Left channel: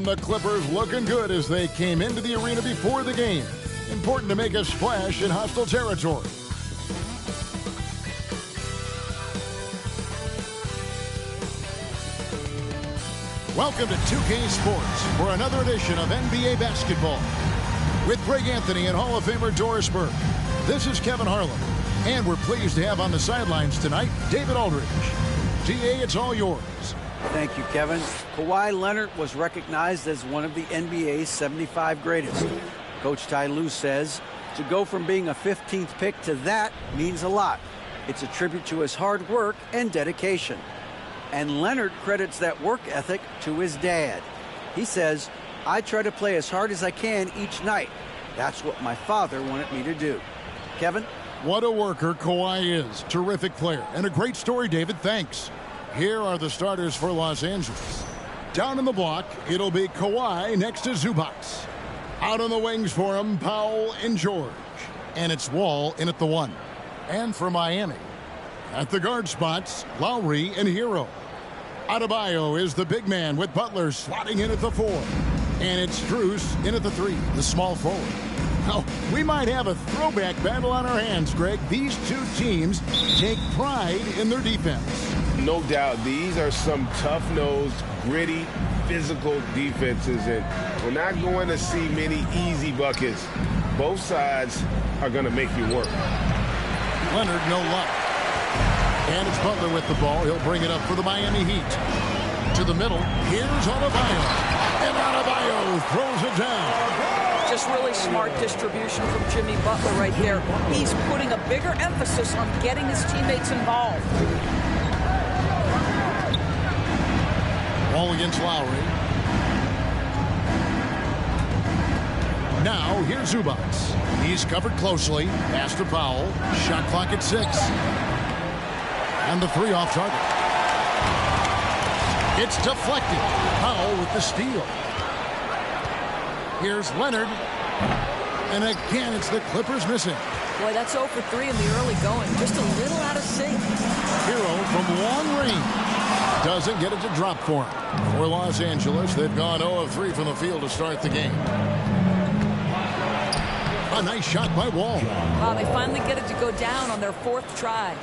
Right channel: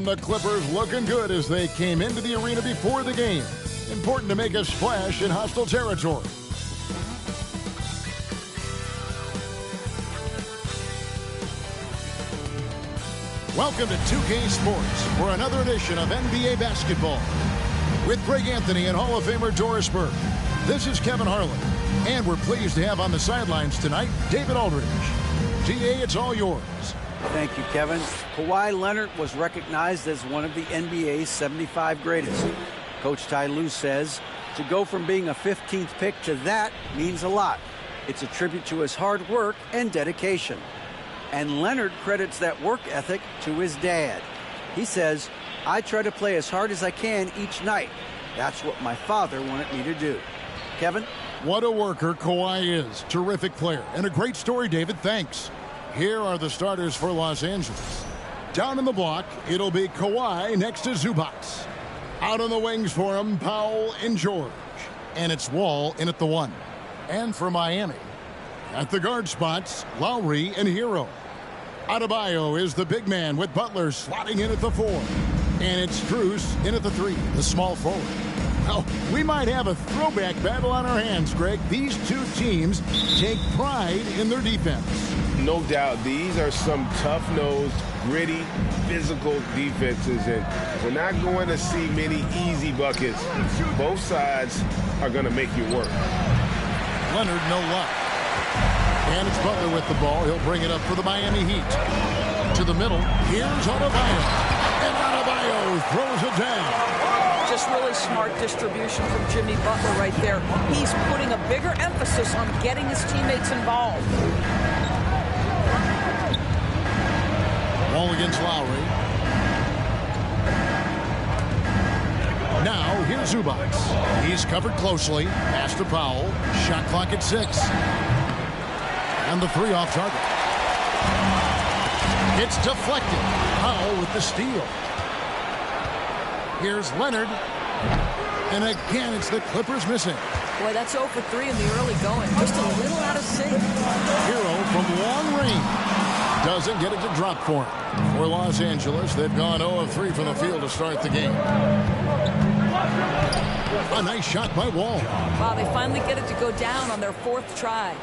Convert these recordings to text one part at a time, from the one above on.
And the Clippers looking good as they came into the arena before the game. Important to make a splash in hostile territory. Welcome to 2K Sports for another edition of NBA basketball. With Greg Anthony and Hall of Famer Doris Burke, this is Kevin Harlan. And we're pleased to have on the sidelines tonight, David Aldridge. DA, it's all yours. Thank you, Kevin. Kawhi Leonard was recognized as one of the NBA's 75 greatest. Coach Ty Lue says to go from being a 15th pick to that means a lot. It's a tribute to his hard work and dedication. And Leonard credits that work ethic to his dad. He says, "I try to play as hard as I can each night. That's what my father wanted me to do." Kevin? What a worker Kawhi is. Terrific player. And a great story, David. Thanks. Here are the starters for Los Angeles. Down in the block, it'll be Kawhi next to Zubac. Out on the wings for him, Powell and George. And it's Wall in at the 1. And for Miami, at the guard spots, Lowry and Hero. Adebayo is the big man with Butler slotting in at the 4. And it's Strus in at the 3, the small forward. Well, we might have a throwback battle on our hands, Greg. These two teams take pride in their defense. No doubt. These are some tough-nosed, gritty, physical defenses, and we're not going to see many easy buckets. Both sides are going to make you work. Leonard, no luck. And it's Butler with the ball. He'll bring it up for the Miami Heat. To the middle, here's Adebayo. And Adebayo throws it down. Just really smart distribution from Jimmy Butler right there. He's putting a bigger emphasis on getting his teammates involved. Wall against Lowry. Now, here's Zubac. He's covered closely. Pass to Powell. Shot clock at 6. And the 3 off target. It's deflected. Powell with the steal. Here's Leonard. And again, it's the Clippers missing. Boy, that's 0 for 3 in the early going. Just a little out of sync. Hero from long range. Doesn't get it to drop for him. For Los Angeles, they've gone 0 of 3 from the field to start the game. A nice shot by Wall. Wow, they finally get it to go down on their 4th try.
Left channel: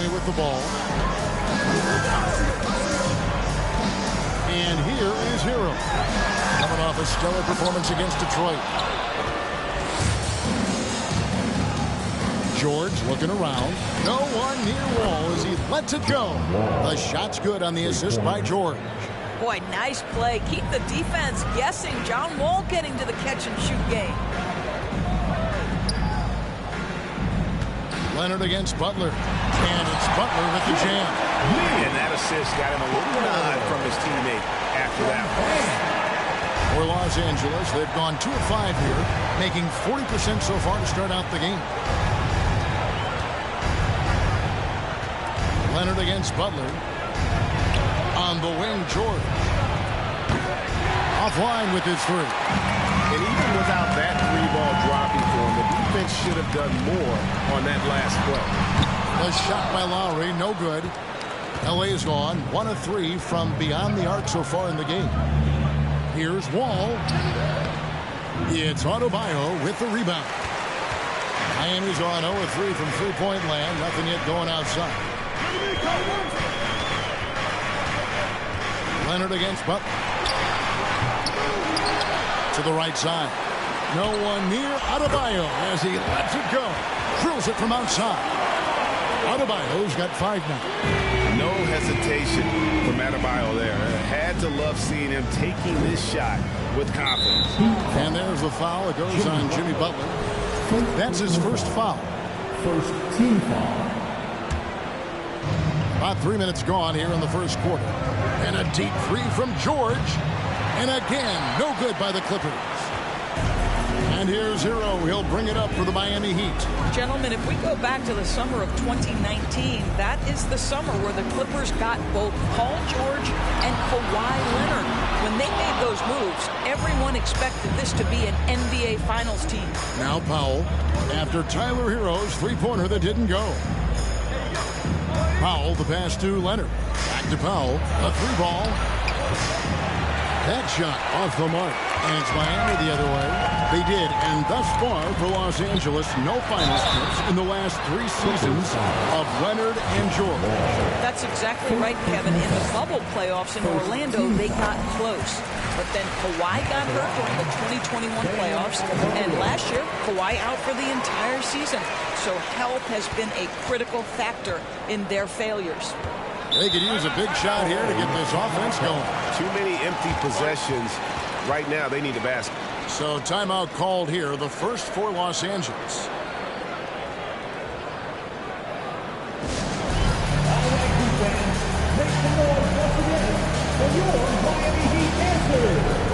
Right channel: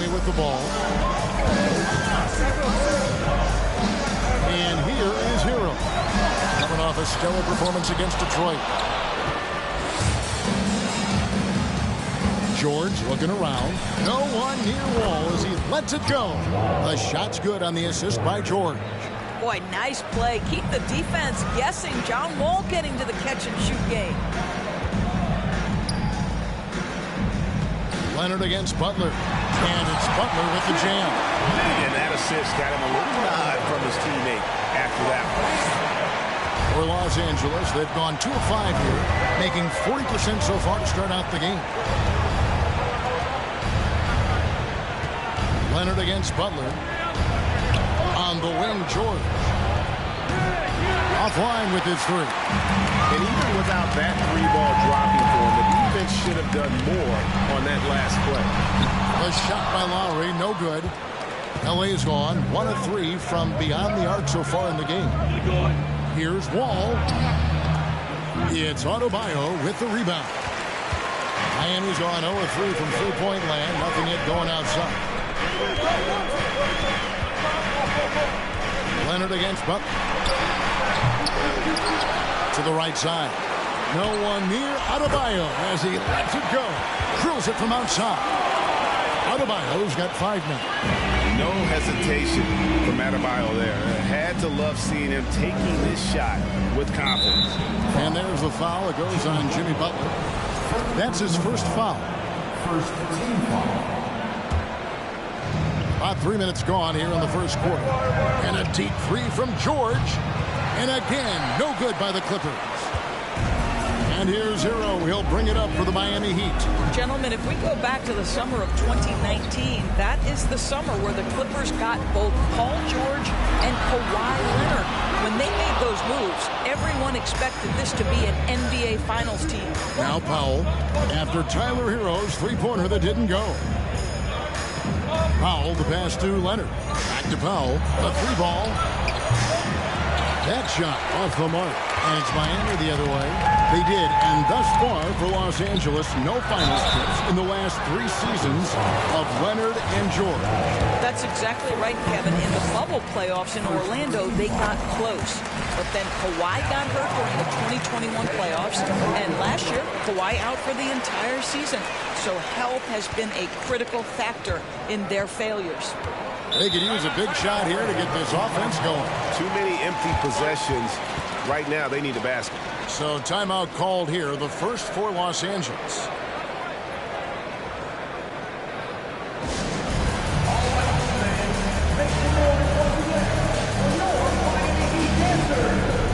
With the ball. And here is Hero. Coming off a stellar performance against Detroit. George looking around. No one near Wall as he lets it go. The shot's good on the assist by George. Boy, nice play. Keep the defense guessing. John Wall getting to the catch-and-shoot game. Leonard against Butler. And it's Butler with the jam. And that assist got him a little nod from his teammate after that one. For Los Angeles, they've gone 2 of 5 here, making 40% so far to start out the game. Leonard against Butler. On the wing, George. Offline with his 3. And even without that 3-ball dropping for him, the defense should have done more on that last play. The shot by Lowry, no good. LA's gone 1 of 3 from beyond the arc so far in the game. Here's Wall. It's Adebayo with the rebound. Miami's gone 0 of 3 from three-point land. Nothing yet going outside. Leonard against Butler. To the right side. No one near Adebayo as he lets it go. Drills it from outside. Adebayo's got 5 now. No hesitation from Adebayo there. Had to love seeing him taking this shot with confidence. And there's the foul. It goes on Jimmy Butler. That's his first foul. First team foul. About 3 minutes gone here in the first quarter. And a deep three from George. And again, no good by the Clippers. And here's Hero. He'll bring it up for the Miami Heat. Gentlemen, if we go back to the summer of 2019, that is the summer where the Clippers got both Paul George and Kawhi Leonard. When they made those moves, everyone expected this to be an NBA Finals team. Now Powell, after Tyler Hero's three-pointer that didn't go. Powell, the pass to Leonard. Back to Powell, a three ball. That shot off the mark. And it's Miami the other way. They did, and thus far for Los Angeles, no finals trips in the last 3 seasons of Leonard and George. That's exactly right, Kevin. In the bubble playoffs in Orlando, they got close. But then Kawhi got hurt during the 2021 playoffs, and last year, Kawhi out for the entire season. So health has been a critical factor in their failures. They could use a big shot here to get this offense going. Too many empty possessions. Right now, they need a basket. So timeout called here, the first for Los Angeles. Make some noise once again for your Miami Heat dancers.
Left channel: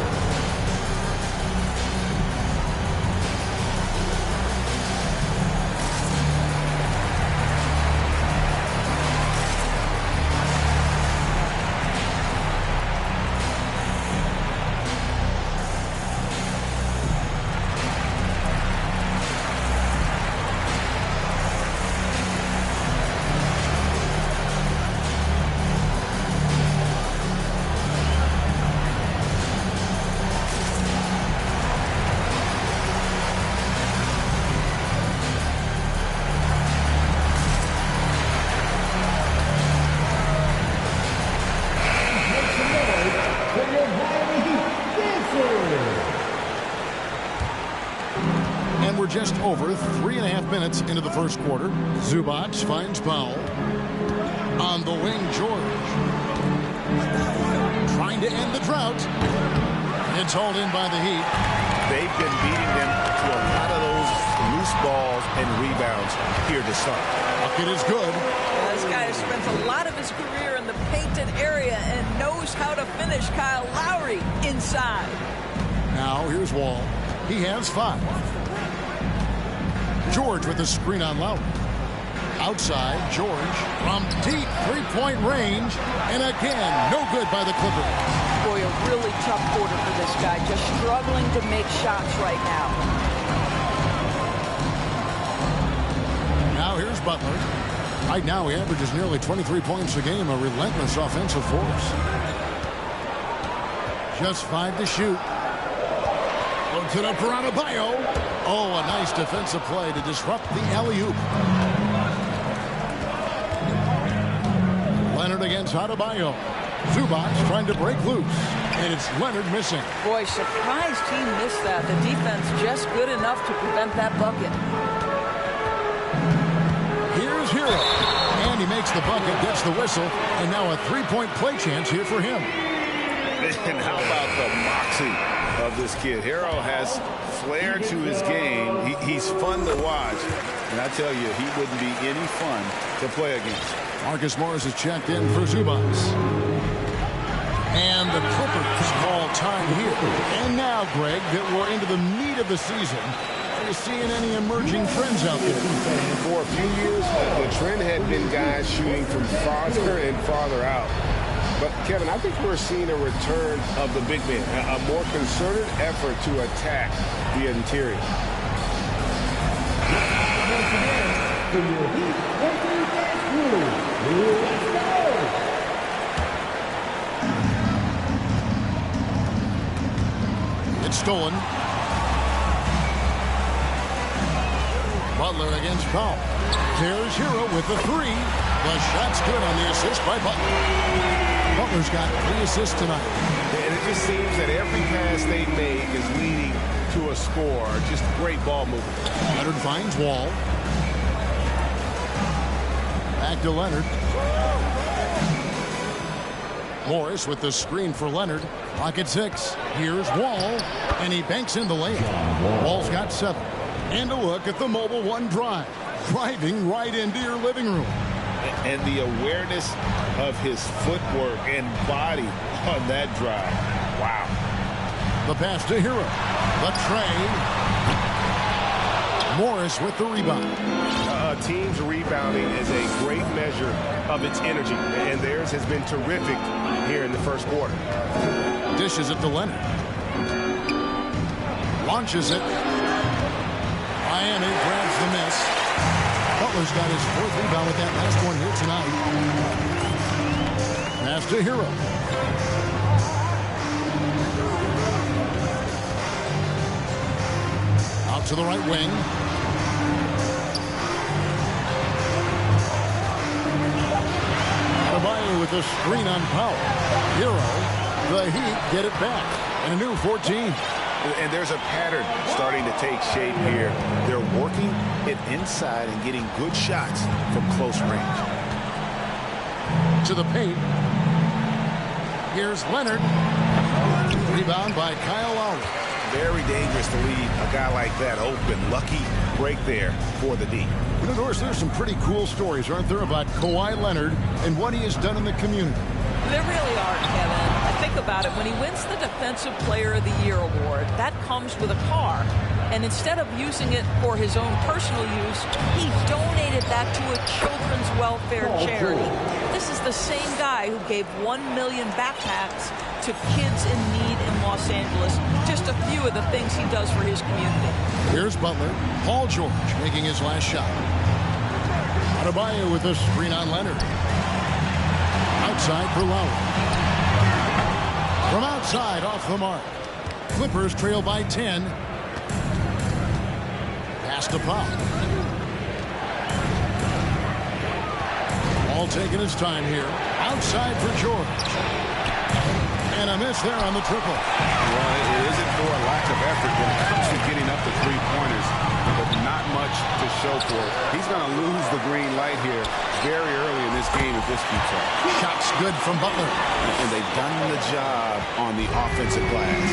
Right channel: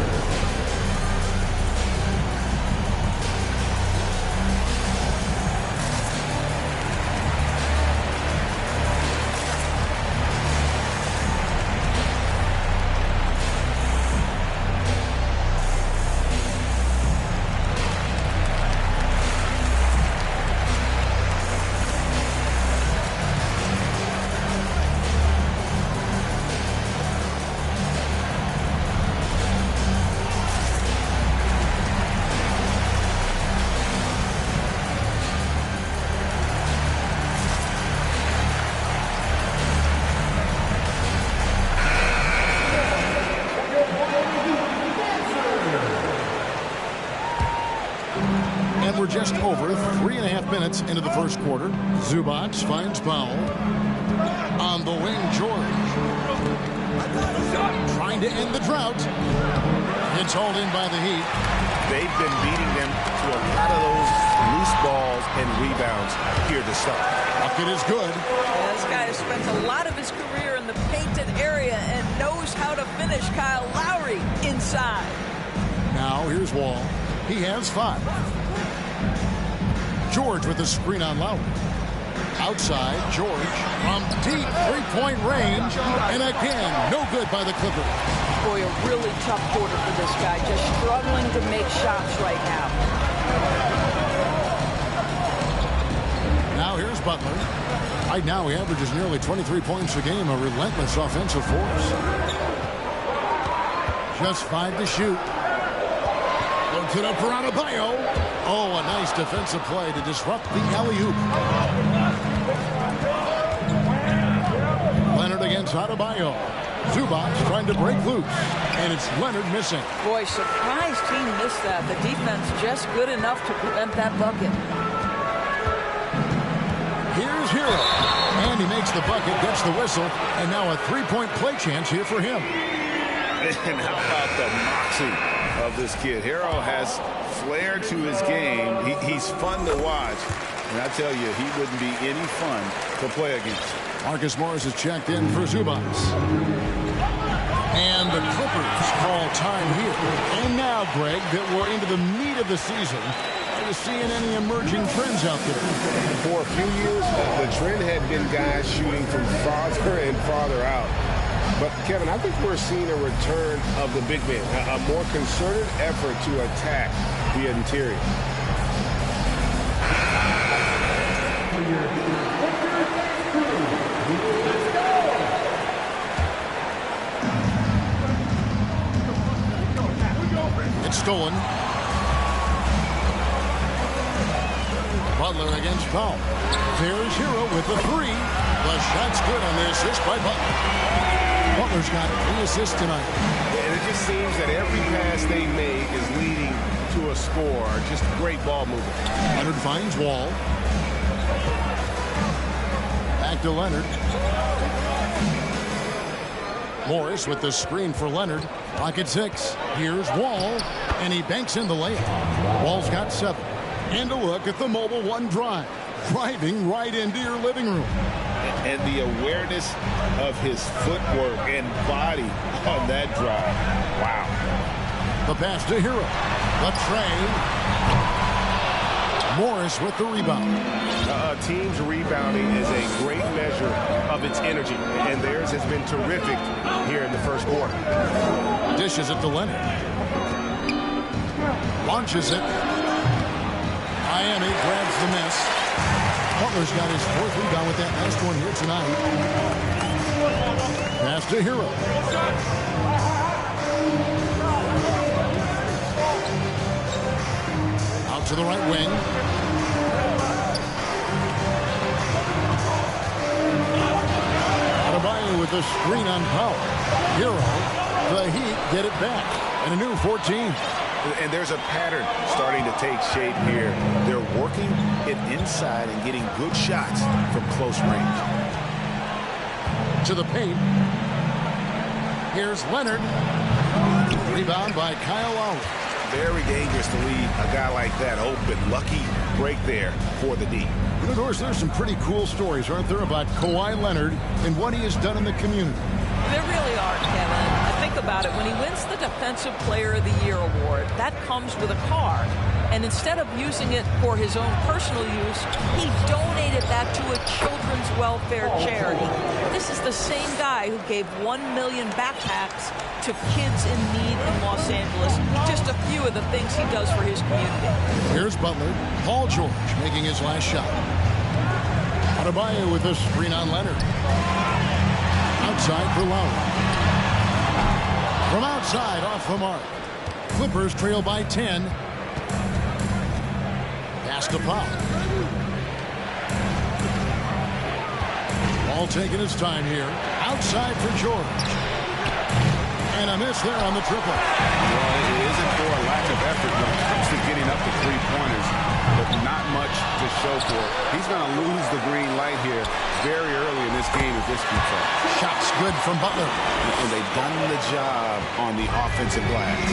We're just over 3.5 minutes into the first quarter. Zubac finds Powell. On the wing, George. Trying to end the drought. It's hauled in by the Heat. They've been beating them to a lot of those loose balls and rebounds here to start. Bucket is good. Yeah, this guy has spent a lot of his career in the painted area and knows how to finish. Kyle Lowry inside. Now here's Wall. He has 5. George with the screen on Lowry. Outside, George from deep three-point range. And again, no good by the Clippers. Boy, a really tough quarter for this guy. Just struggling to make shots right now. Now here's Butler. Right now he averages nearly 23 points a game, a relentless offensive force. Just 5 to shoot. Loads it up for Adebayo. Oh, a nice defensive play to disrupt the alley-oop. Leonard against Adebayo. Zubac trying to break loose. And it's Leonard missing. Boy, surprised he missed that. The defense just good enough to prevent that bucket. Here's Hero. And he makes the bucket, gets the whistle, and now a three-point play chance here for him. And how about the moxie of this kid? Hero has flair to his game. He's fun to watch. And I tell you, he wouldn't be any fun to play against. Marcus Morris is checked in for Zubac. And the Clippers call time here. And now, Greg, that we're into the meat of the season, are you seeing any emerging trends out there? For a few years, the trend had been guys shooting from farther and farther out. But, Kevin, I think we're seeing a return of the big man, a more concerted effort to attack the interior. For your Heat Lakers crew, let's go! It's stolen. Butler against Powell. There's Hero with the 3. The shot's good on the assist by Butler. Butler's got 3 assists tonight. And it just seems that every pass they make is leading to a score. Just great ball movement. Leonard finds Wall. Back to Leonard. Morris with the screen for Leonard. Pocket 6. Here's Wall. And he banks in the layup. Wall's got 7. And a look at the Mobile One drive. Driving right into your living room. And the awareness of his footwork and body on that drive. Wow. The pass to Hero. The tray. Morris with the rebound. A team's rebounding is a great measure of its energy, and theirs has been terrific here in the first quarter. Dishes it to Leonard. Launches it. Miami grabs the miss. Butler's got his 4th rebound with that last one here tonight. Pass to Hero. Out to the right wing. Adebayo with the screen on Powell. Hero. The Heat get it back. And a new 14. And there's a pattern starting to take shape here. They're working it inside and getting good shots from close range. To the paint. Here's Leonard. Rebound by Kyle Lowry. Very dangerous to leave a guy like that open. Lucky break there for the D. And of course, there's some pretty cool stories, aren't there, about Kawhi Leonard and what he has done in the community. There really are, Kevin. I think about it. When he wins the Defensive Player of the Year award, that comes with a car. And instead of using it for his own personal use, he donated that to a children's welfare charity. This is the same guy who gave 1 million backpacks to kids in need in Los Angeles. Just a few of the things he does for his community. Here's Butler. Paul George making his last shot. Adebayo with a screen on Leonard. Outside for Lowry. From outside, off the mark. Clippers trail by 10. Pass to Powell. Wall taking his time here. Outside for George. And a miss there on the triple. Well, it isn't for a lack of effort when it comes to getting up the three-pointers, but not much to show for it. He's going to lose the green light here very early in this game if this keeps up. Shots good from Butler. And they've done the job on the offensive glass.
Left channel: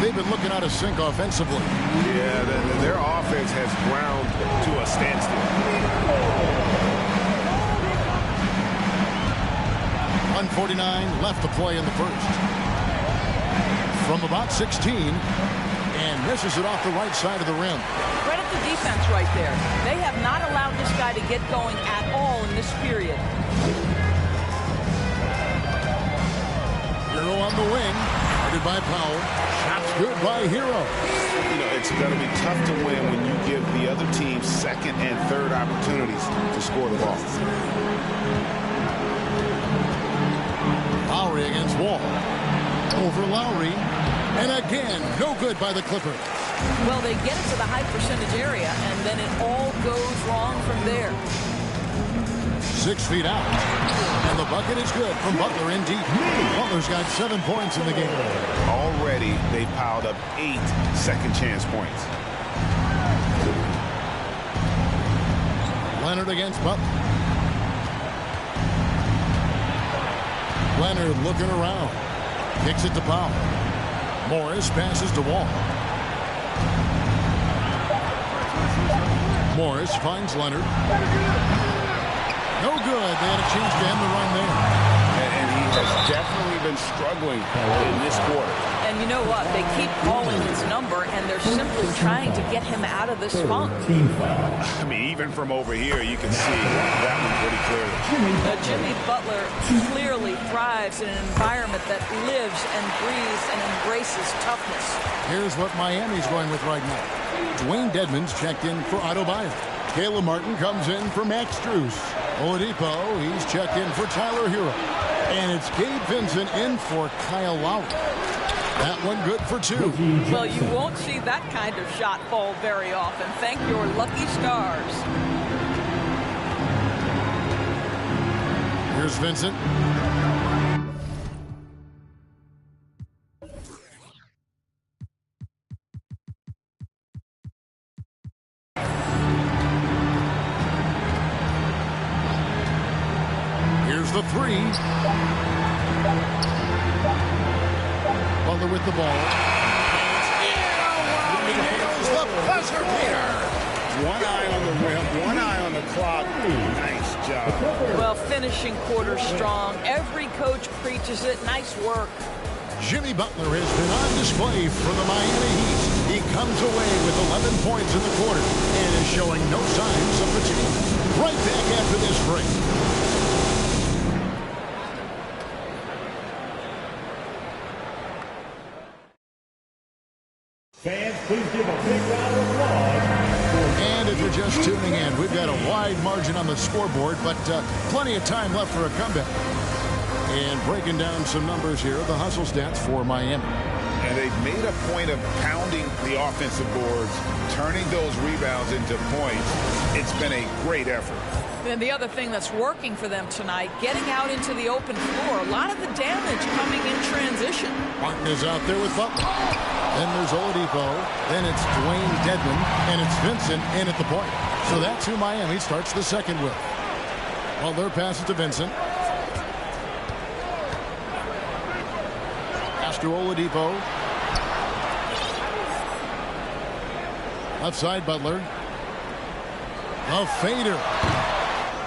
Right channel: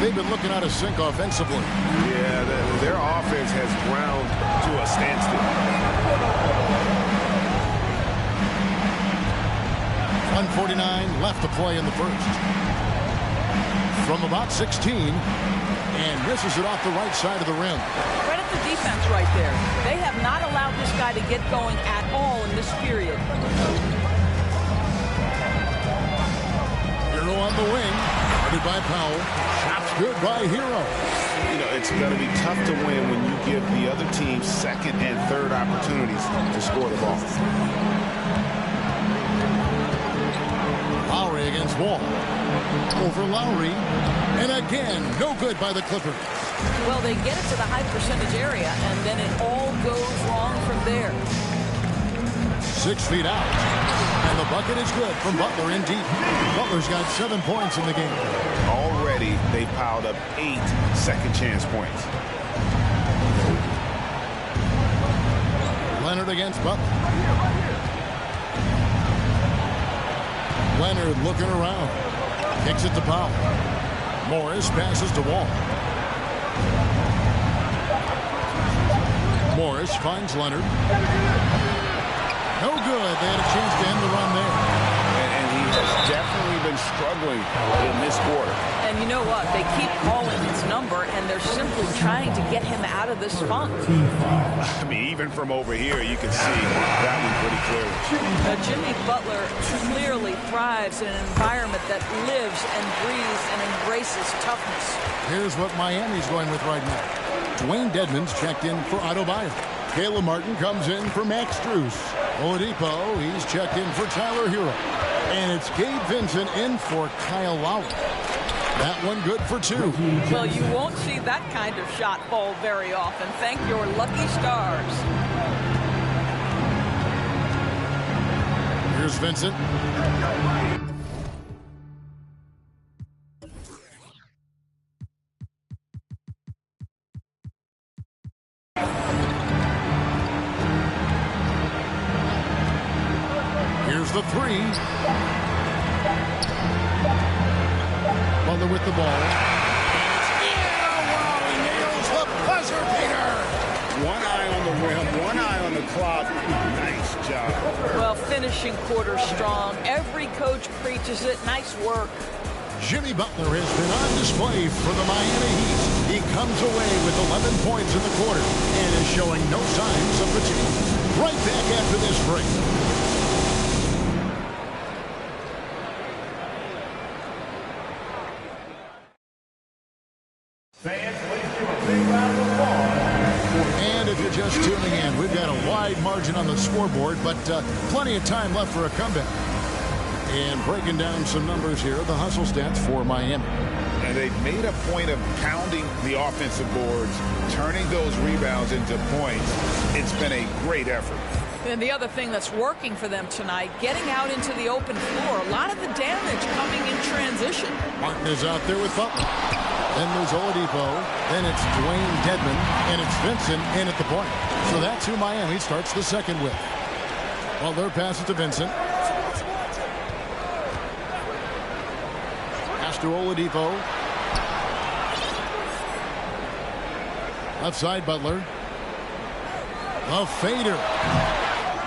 They've been looking out of sync offensively. Yeah, their offense has ground to a standstill. 1:49 left to play in the first. From about 16, and misses it off the right side of the rim. Credit the defense right there. They have not allowed this guy to get going at all in this period. Hero on the wing, guarded by Powell. Shots good by Hero. You know, it's going to be tough to win when you give the other team second and third opportunities to score the ball. Lowry against Wall. Over Lowry. And again, no good by the Clippers. Well, they get it to the high percentage area, and then it all goes wrong from there. 6 feet out. And the bucket is good from Butler in deep. Butler's got 7 points in the game. Already, they piled up 8 second chance points. Leonard against Butler. Leonard looking around. Kicks it to Powell. Morris passes to Wall. Morris finds Leonard. No good. They had a chance to end the run there. And he has definitely been struggling in this quarter. And you know what? They keep calling his number, and they're simply trying to get him out of this funk. I mean, even from over here, you can see that one pretty clearly. Jimmy Butler clearly thrives in an environment that lives and breathes and embraces toughness. Here's what Miami's going with right now. Dwayne Dedmon's checked in for Adebayo. Caleb Martin comes in for Max Strus. Oladipo, he's checked in for Tyler Hero. And it's Gabe Vincent in for Kyle Lowry. That one good for 2. Well, you won't see that kind of shot fall very often. Thank your lucky stars. Here's Vincent. Here's the 3. Butler with the ball. And it's in. Oh, wow, he nails the buzzer beater. One eye on the rim, one eye on the clock. Nice job. Well, finishing quarter strong. Every coach preaches it. Nice work. Jimmy Butler has been on display for the Miami Heat. He comes away with 11 points in the quarter and is showing no signs of fatigue. Right back after this break. Fans, please give a big round of applause. And if you're just tuning in, we've got a wide margin on the scoreboard, but plenty of time left for a comeback. And breaking down some numbers here, the hustle stats for Miami. And they've made a point of pounding the offensive boards, turning those rebounds into points. It's been a great effort. And the other thing that's working for them tonight, getting out into the open floor. A lot of the damage coming in transition. Martin is out there with Butler. Then there's Oladipo. Then it's Dwayne Dedmon. And it's Vincent in at the point. So that's who Miami starts the second with. Butler passes to Vincent. Pass to Oladipo. Left side, Butler. A fader.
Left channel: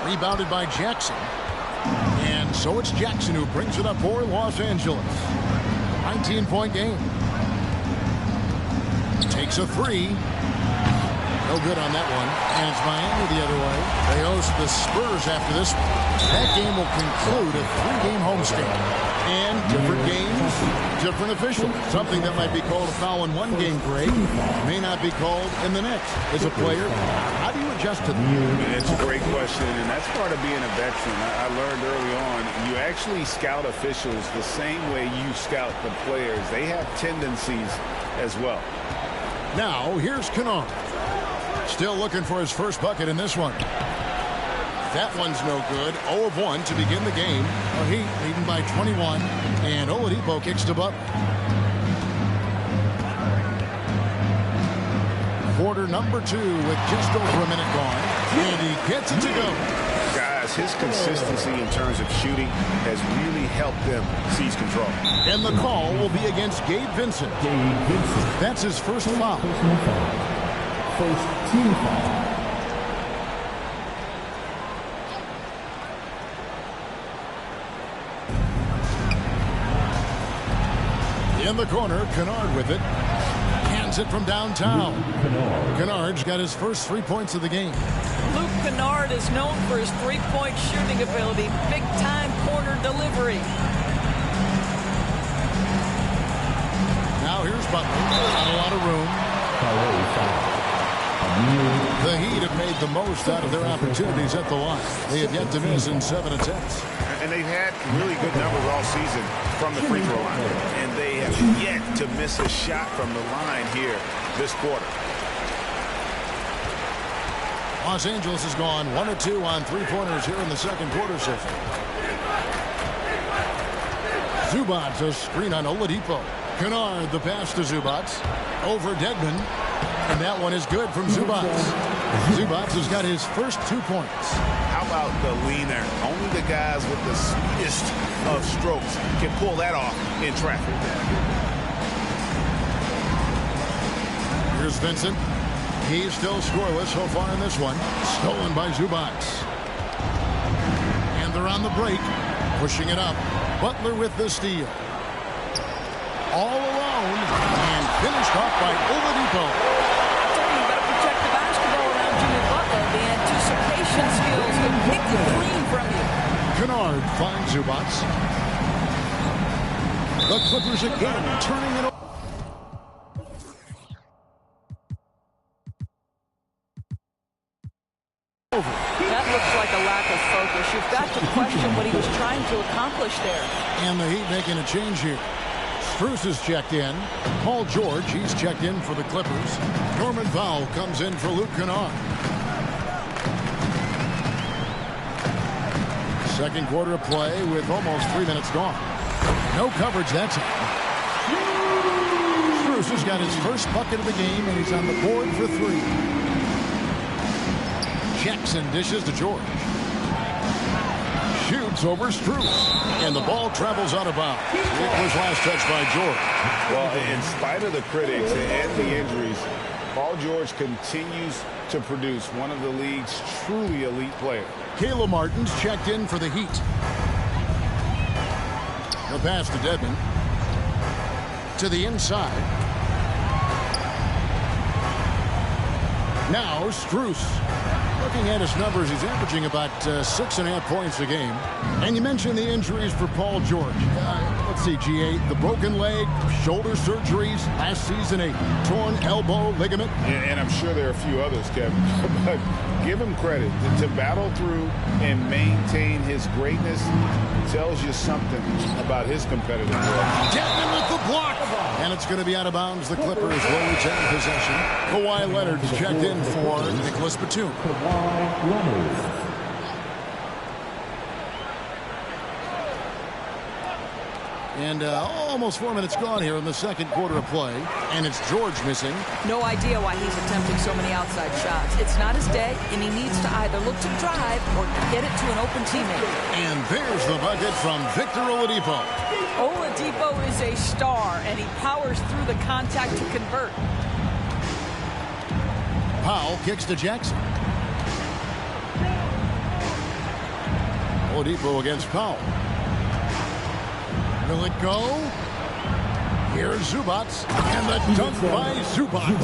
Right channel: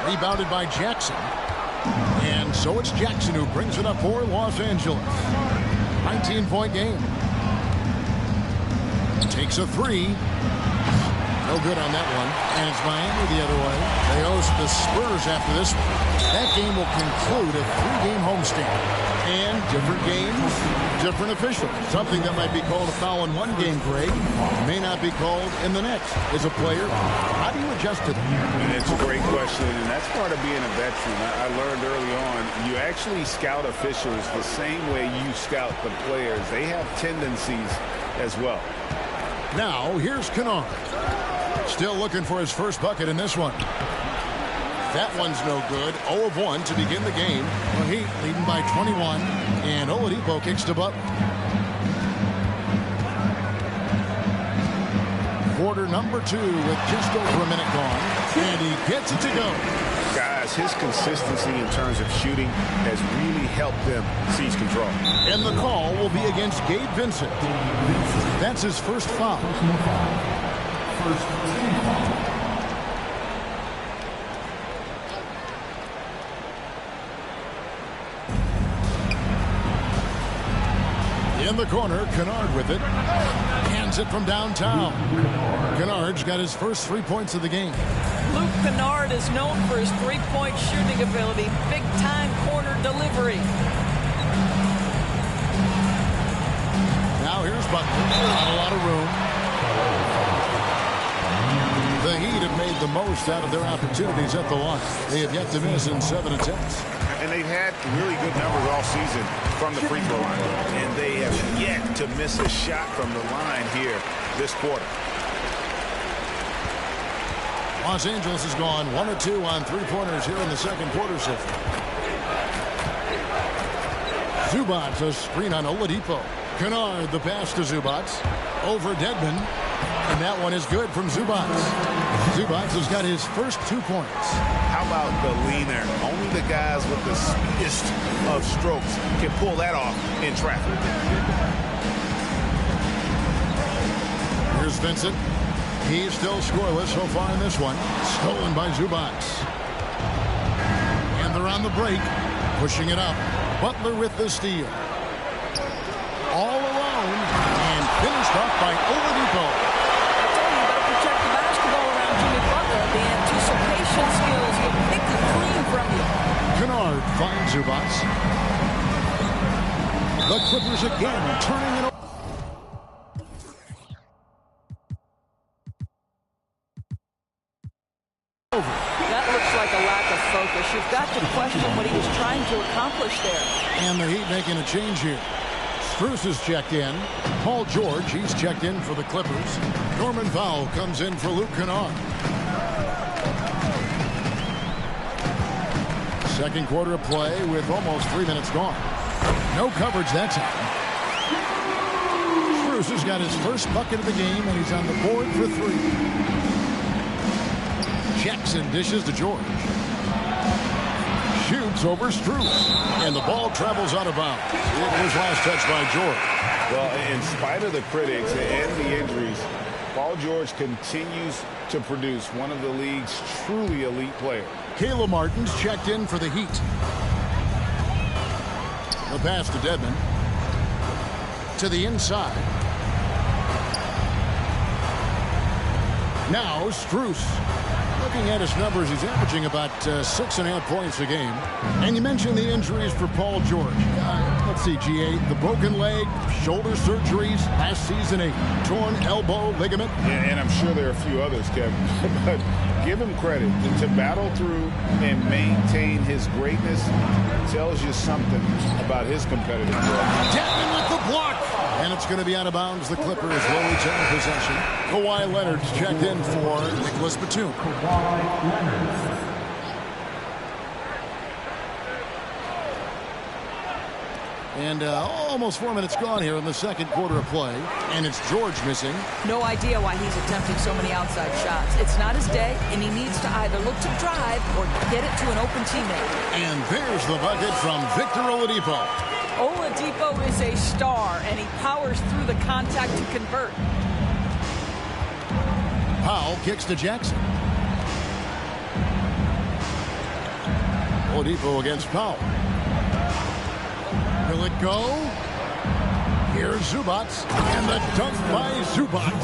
Rebounded by Jackson. And so it's Jackson who brings it up for Los Angeles. 19-point game. Takes a three. No good on that one. And it's Miami the other way. They host the Spurs after this one. That game will conclude a three-game homestand. And different games, different officials. Something that might be called a foul in one game, Greg, may not be called in the next. As a player, how do you adjust to that? It's a great question, and that's part of being a veteran. I learned early on, you actually scout officials the same way you scout the players. They have tendencies as well. Now, here's Kennard. Still looking for his first bucket in this one. That one's no good. 0 of 1 to begin the game. The Heat leading by 21. And Oladipo kicks to Butler. Quarter number 2 with just over a minute gone. And he gets it to go. Guys, his consistency in terms of shooting has really helped them seize control. And the call will be against Gabe Vincent. That's his first foul. First team foul. In the corner, Kennard with it. Hands it from downtown. Kennard's got his first 3 points of the game. Luke Kennard is known for his three-point shooting ability. Big-time corner delivery. Now here's Butler. Not a lot of room. The Heat have made the most out of their opportunities at the line. They have yet to miss in 7 attempts. And they've had really good numbers all season from the free throw line. And they have yet to miss a shot from the line here this quarter. Los Angeles has gone 1 of 2 on three-pointers here in the second quarter so far. Zubac, a screen on Oladipo. Kennard, the pass to Zubac. Over Dedmon. And that one is good from Zubac. Zubac has got his first 2 points. How about the lean there? Only the guys with the speediest of strokes can pull that off in traffic. Here's Vincent. He's still scoreless so far in this one. Stolen by Zubac. And they're on the break. Pushing it up. Butler with the steal. All alone. And finished off by Oladipo. I told you, you better protect the basketball around Jimmy Butler. The anticipation skills. He'll pick it clean from you. Kennard finds Zubac. The Clippers again turning it over. That looks like a lack of focus. You've got to question what he was trying to accomplish there. And the Heat making a change here. Strus is checked in. Paul George, he's checked in for the Clippers. Norman Powell comes in for Luke Kennard. Second quarter of play with almost 3 minutes gone. No coverage that time. Strus has got his first bucket of the game, and he's on the board for 3. Jackson dishes to George. Shoots over Strus. And the ball travels out of bounds. It was last touched by George. Well, in spite of the critics and the injuries, Paul George continues to produce, one of the league's truly elite players. Caleb Martin's checked in for the Heat. The pass to Dedmon. To the inside. Now Strus. Looking at his numbers, he's averaging about 6.5 points a game. And you mentioned the injuries for Paul George. Let's see, G8, the broken leg, shoulder surgeries, last season a torn elbow ligament. And I'm sure there are a few others, Kevin. But give him credit. To battle through and maintain his greatness tells you something about his competitive play. Dedmon with the block. And it's going to be out of bounds. The Clippers will retain possession. Kawhi Leonard's checked in for Nicholas Batum. And almost 4 minutes gone here in the second quarter of play. And it's George missing. No idea why he's attempting so many outside shots. It's not his day, and he needs to either look to drive or get it to an open teammate. And there's the bucket from Victor Oladipo. Oladipo is a star, and he powers through the contact to convert. Powell kicks to Jackson. Oladipo against Powell. Will it go? Here's Zubac, and the dunk by Zubac.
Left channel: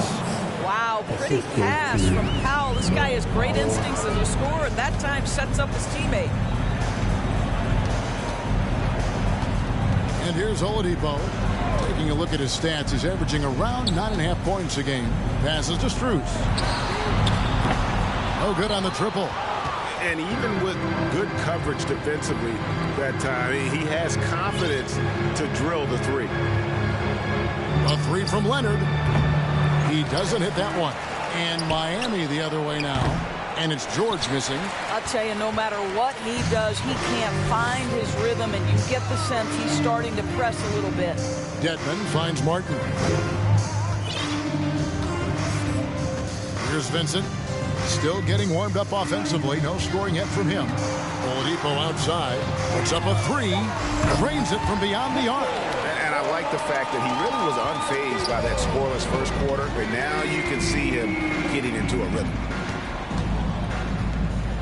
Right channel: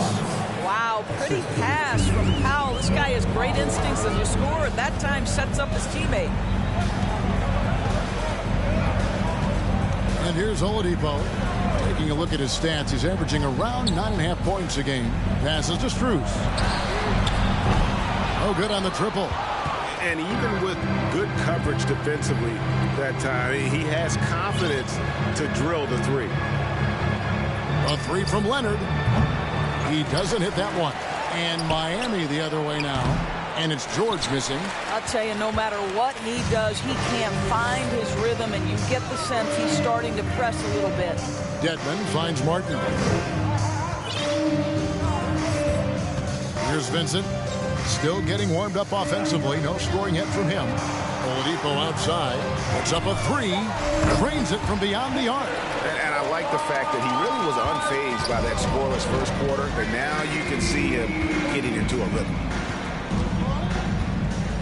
Wow, pretty pass from Powell. This guy has great instincts as a scorer. At that time, sets up his teammate. And here's Oladipo. Taking a look at his stats, he's averaging around 9.5 points a game. Passes to Strus. Oh, good on the triple. And even with good coverage defensively that time, he has confidence to drill the three. A three from Leonard. He doesn't hit that one. And Miami the other way now. And it's George missing. I'll tell you, no matter what he does, he can't find his rhythm, and you get the sense he's starting to press a little bit. Dedmon finds Martin. Here's Vincent. Still getting warmed up offensively. No scoring yet from him. Oladipo outside. Puts up a three. Drains it from beyond the arc. And I like the fact that he really was unfazed by that scoreless first quarter. And now you can see him getting into a rhythm.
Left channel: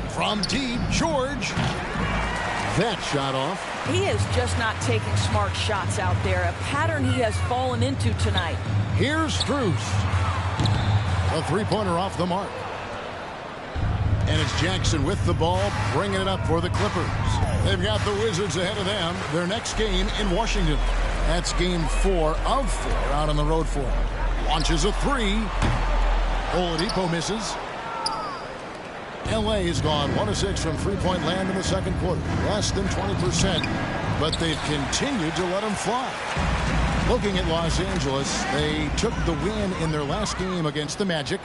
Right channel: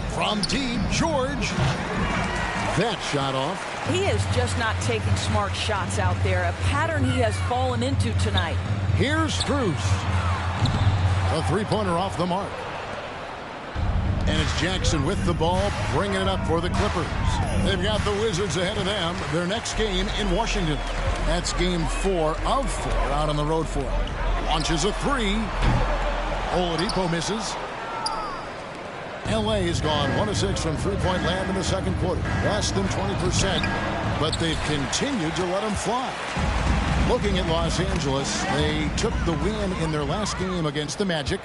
From deep, George. That shot off. He is just not taking smart shots out there. A pattern he has fallen into tonight. Here's Strus. A three-pointer off the mark. And it's Jackson with the ball, bringing it up for the Clippers. They've got the Wizards ahead of them. Their next game in Washington. That's game 4 of 4 out on the road for them. Launches a three. Oladipo misses. L.A. has gone 1 of 6 from three-point land in the second quarter. Less than 20%. But they've continued to let them fly. Looking at Los Angeles, they took the win in their last game against the Magic.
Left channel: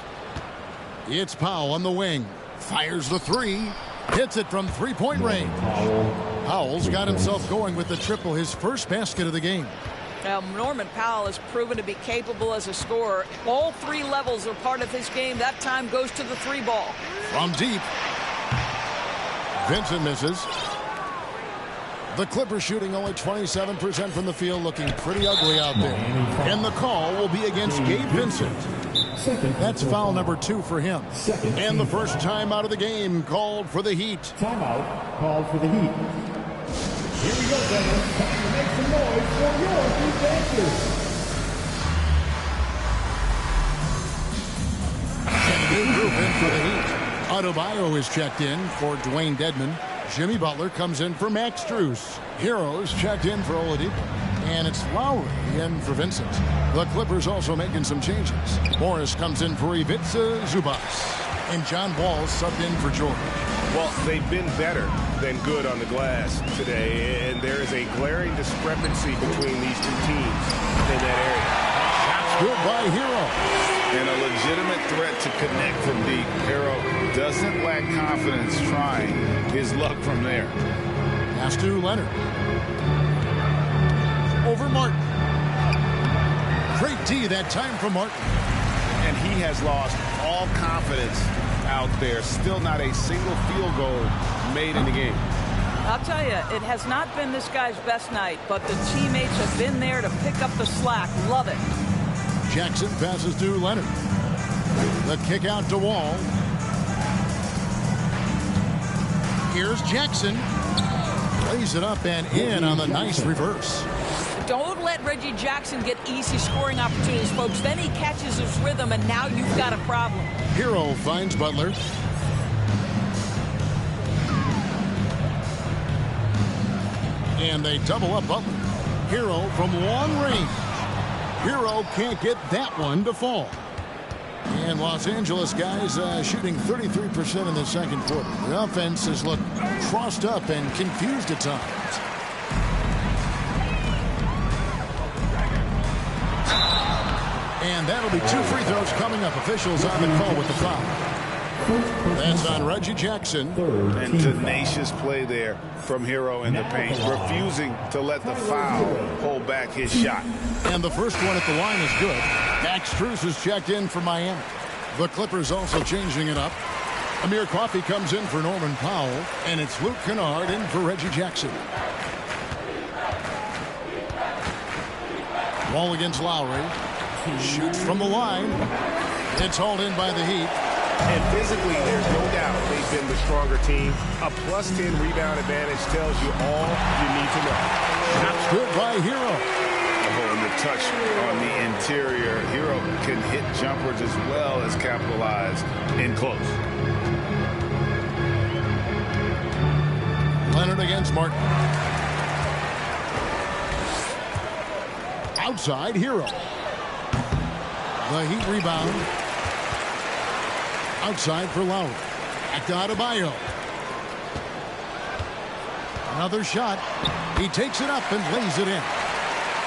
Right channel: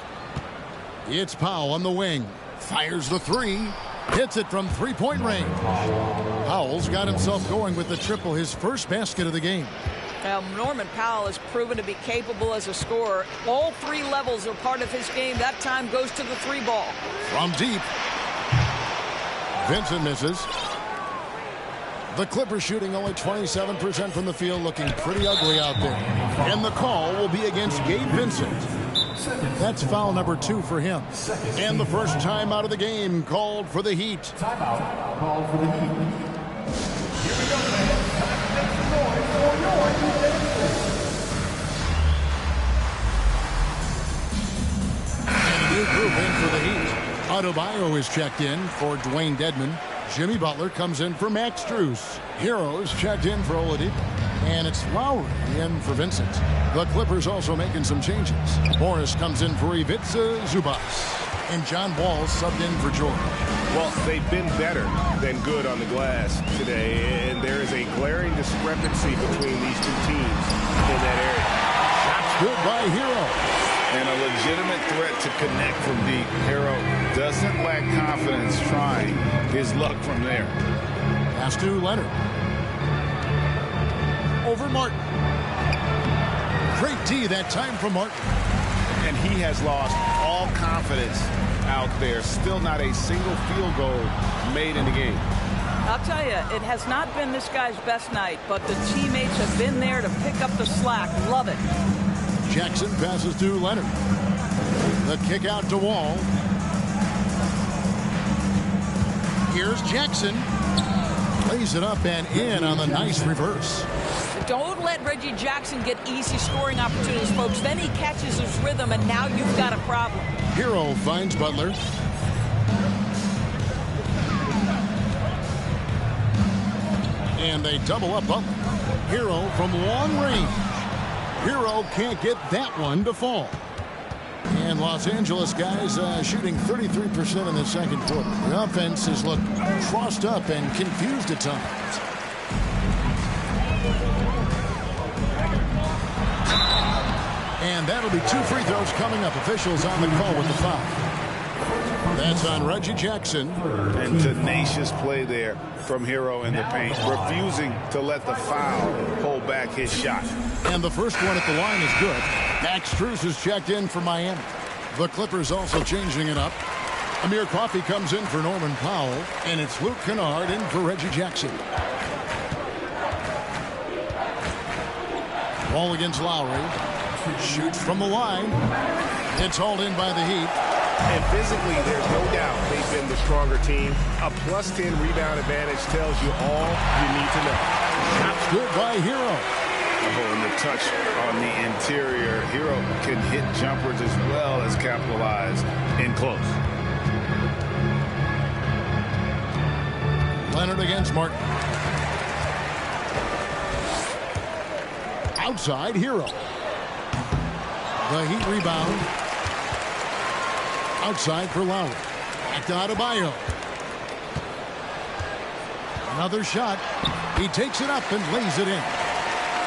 It's Powell on the wing. Fires the three. Hits it from three-point range. Powell's got himself going with the triple, his first basket of the game. Norman Powell has proven to be capable as a scorer. All three levels are part of his game. That time goes to the three ball. From deep. Vincent misses. The Clippers shooting only 27% from the field, looking pretty ugly out there. And the call will be against Gabe Vincent. That's foul number 2 for him. And the first time out of the game called for the Heat. Timeout called for the Heat. Here we go, fans. Time to make some noise for your Heat Dancers. And a new group in for the Heat. Adebayo is checked in for Dwayne Dedmon. Jimmy Butler comes in for Max Strus. Heroes checked in for Oladipo. And it's Lowry in for Vincent. The Clippers also making some changes. Morris comes in for Ivica Zubac. And John Wall subbed in for George. Well, they've been better than good on the glass today, and there is a glaring discrepancy between these two teams in that area. Shots good by Hero. And a legitimate threat to connect from deep. Hero doesn't lack confidence trying his luck from there. Pass to Leonard. Over Martin. Great D that time from Martin. And he has lost all confidence out there. Still not a single field goal made in the game. I'll tell you, it has not been this guy's best night, but the teammates have been there to pick up the slack. Love it. Jackson passes to Leonard. The kick out to Wall. Here's Jackson. Lays it up and in on the nice reverse. Don't let Reggie Jackson get easy scoring opportunities, folks. Then he catches his rhythm, and now you've got a problem. Hero finds Butler. And they double up Butler. Hero from long range. Hero can't get that one to fall. And Los Angeles guys shooting 33% in the second quarter. The offense has looked crossed up and confused at times. And that'll be 2 free throws coming up. Officials on the call with the foul. That's on Reggie Jackson. And tenacious play there from Hero in the paint, refusing to let the foul hold back his shot. And the first one at the line is good. Max Strus is checked in for Miami. The Clippers also changing it up. Amir Coffey comes in for Norman Powell, and it's Luke Kennard in for Reggie Jackson. Wall against Lowry. Shoots from the line. It's hauled in by the Heat. And physically, there's no doubt they've been the stronger team. A +10 rebound advantage tells you all you need to know. Shots good by Hero. Oh, and the touch on the interior. Hero can hit jumpers as well as capitalize in close. Leonard against Martin. Outside, Hero. The Heat rebound. Outside for Lowry. Back to Adebayo. Another shot. He takes it up and lays it in.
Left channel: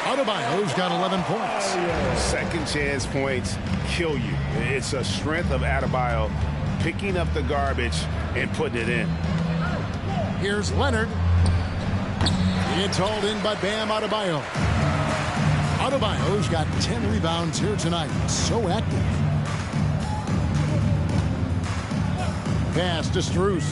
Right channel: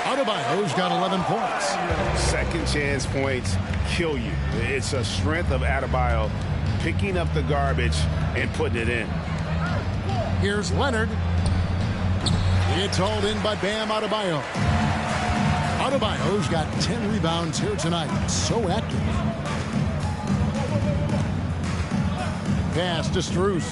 Adebayo's got 11 points. Second chance points kill you. It's a strength of Adebayo picking up the garbage and putting it in. Here's Leonard. It's hauled in by Bam Adebayo. Adebayo's got 10 rebounds here tonight. So active. Pass to Strus.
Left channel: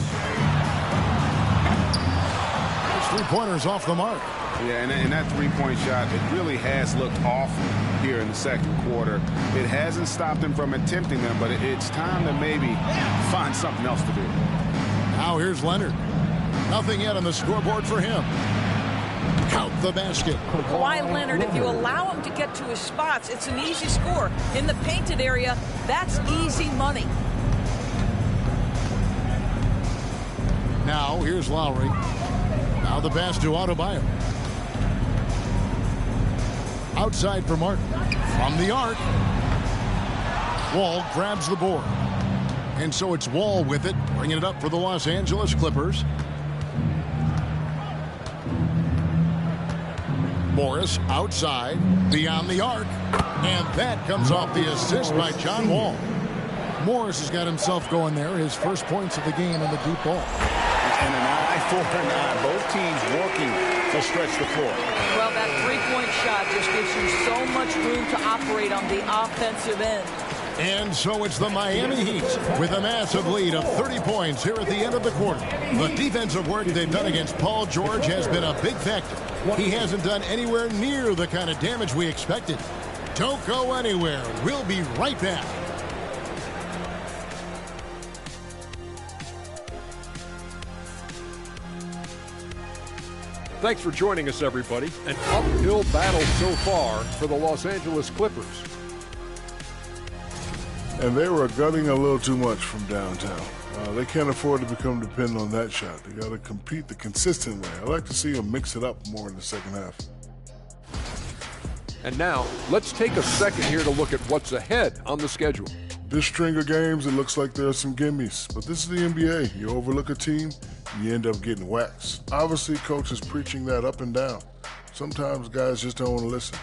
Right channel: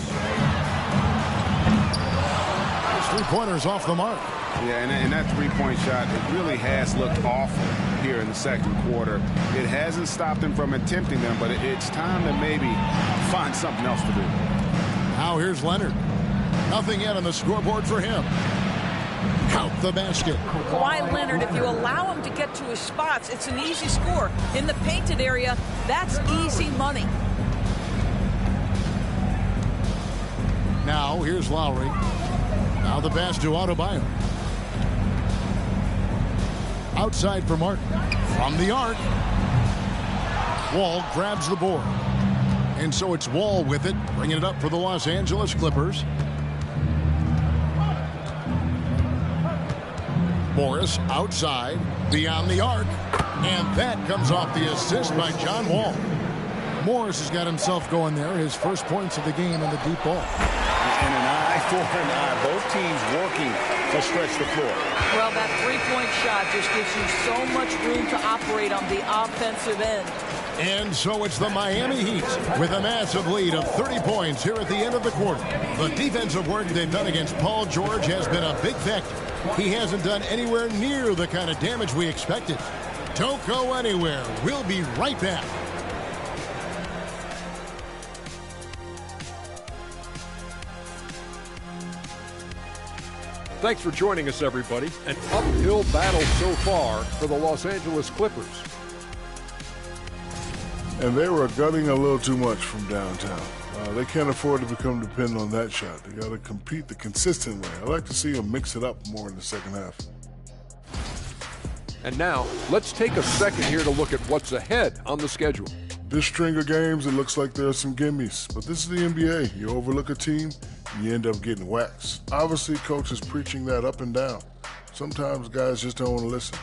His three-pointer's off the mark. Yeah, and that three-point shot, it really has looked awful here in the second quarter. It hasn't stopped him from attempting them, but it's time to maybe find something else to do. Now here's Leonard. Nothing yet on the scoreboard for him. Count the basket. Kawhi Leonard, if you allow him to get to his spots, it's an easy score. In the painted area, that's easy money. Now here's Lowry. Now the pass to Adebayo. Outside for Martin. From the arc. Wall grabs the board. And so it's Wall with it, bringing it up for the Los Angeles Clippers. Morris outside, beyond the arc. And that comes off the assist by John Wall. Morris has got himself going there, his first points of the game on the deep ball. And an eye for an eye. Both teams working to stretch the floor. Well, that three-point shot just gives you so much room to operate on the offensive end. And so it's the Miami Heat with a massive lead of 30 points here at the end of the quarter. The defensive work they've done against Paul George has been a big factor. He hasn't done anywhere near the kind of damage we expected. Don't go anywhere. We'll be right back. Thanks for joining us, everybody. An uphill battle so far for the Los Angeles Clippers. And they were gunning a little too much from downtown. They can't afford to become dependent on that shot. They got to compete the consistent way. I like to see them mix it up more in the second half. And now, let's take a second here to look at what's ahead on the schedule. This string of games, it looks like there are some gimmies. But this is the NBA. You overlook a team, you end up getting waxed. Obviously, coach is preaching that up and down. Sometimes guys just don't want to listen.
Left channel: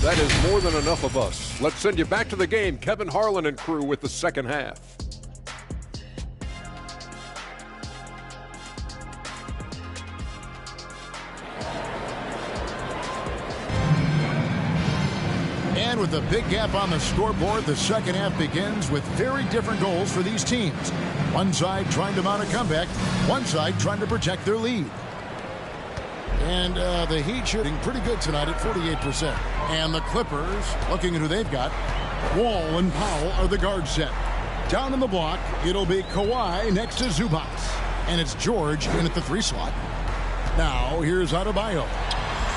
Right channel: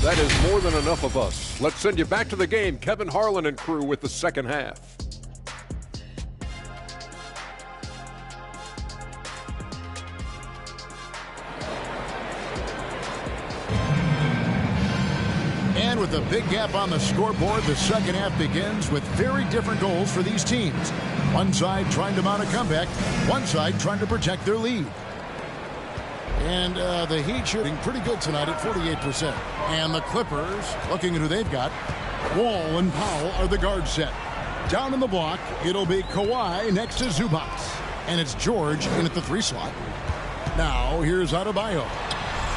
That is more than enough of us. Let's send you back to the game. Kevin Harlan and crew with the second half. And with a big gap on the scoreboard, the second half begins with very different goals for these teams. One side trying to mount a comeback, one side trying to protect their lead. And the Heat shooting pretty good tonight at 48%. And the Clippers, looking at who they've got, Wall and Powell are the guard set. Down in the block, it'll be Kawhi next to Zubac. And it's George in at the 3 slot. Now, here's Adebayo.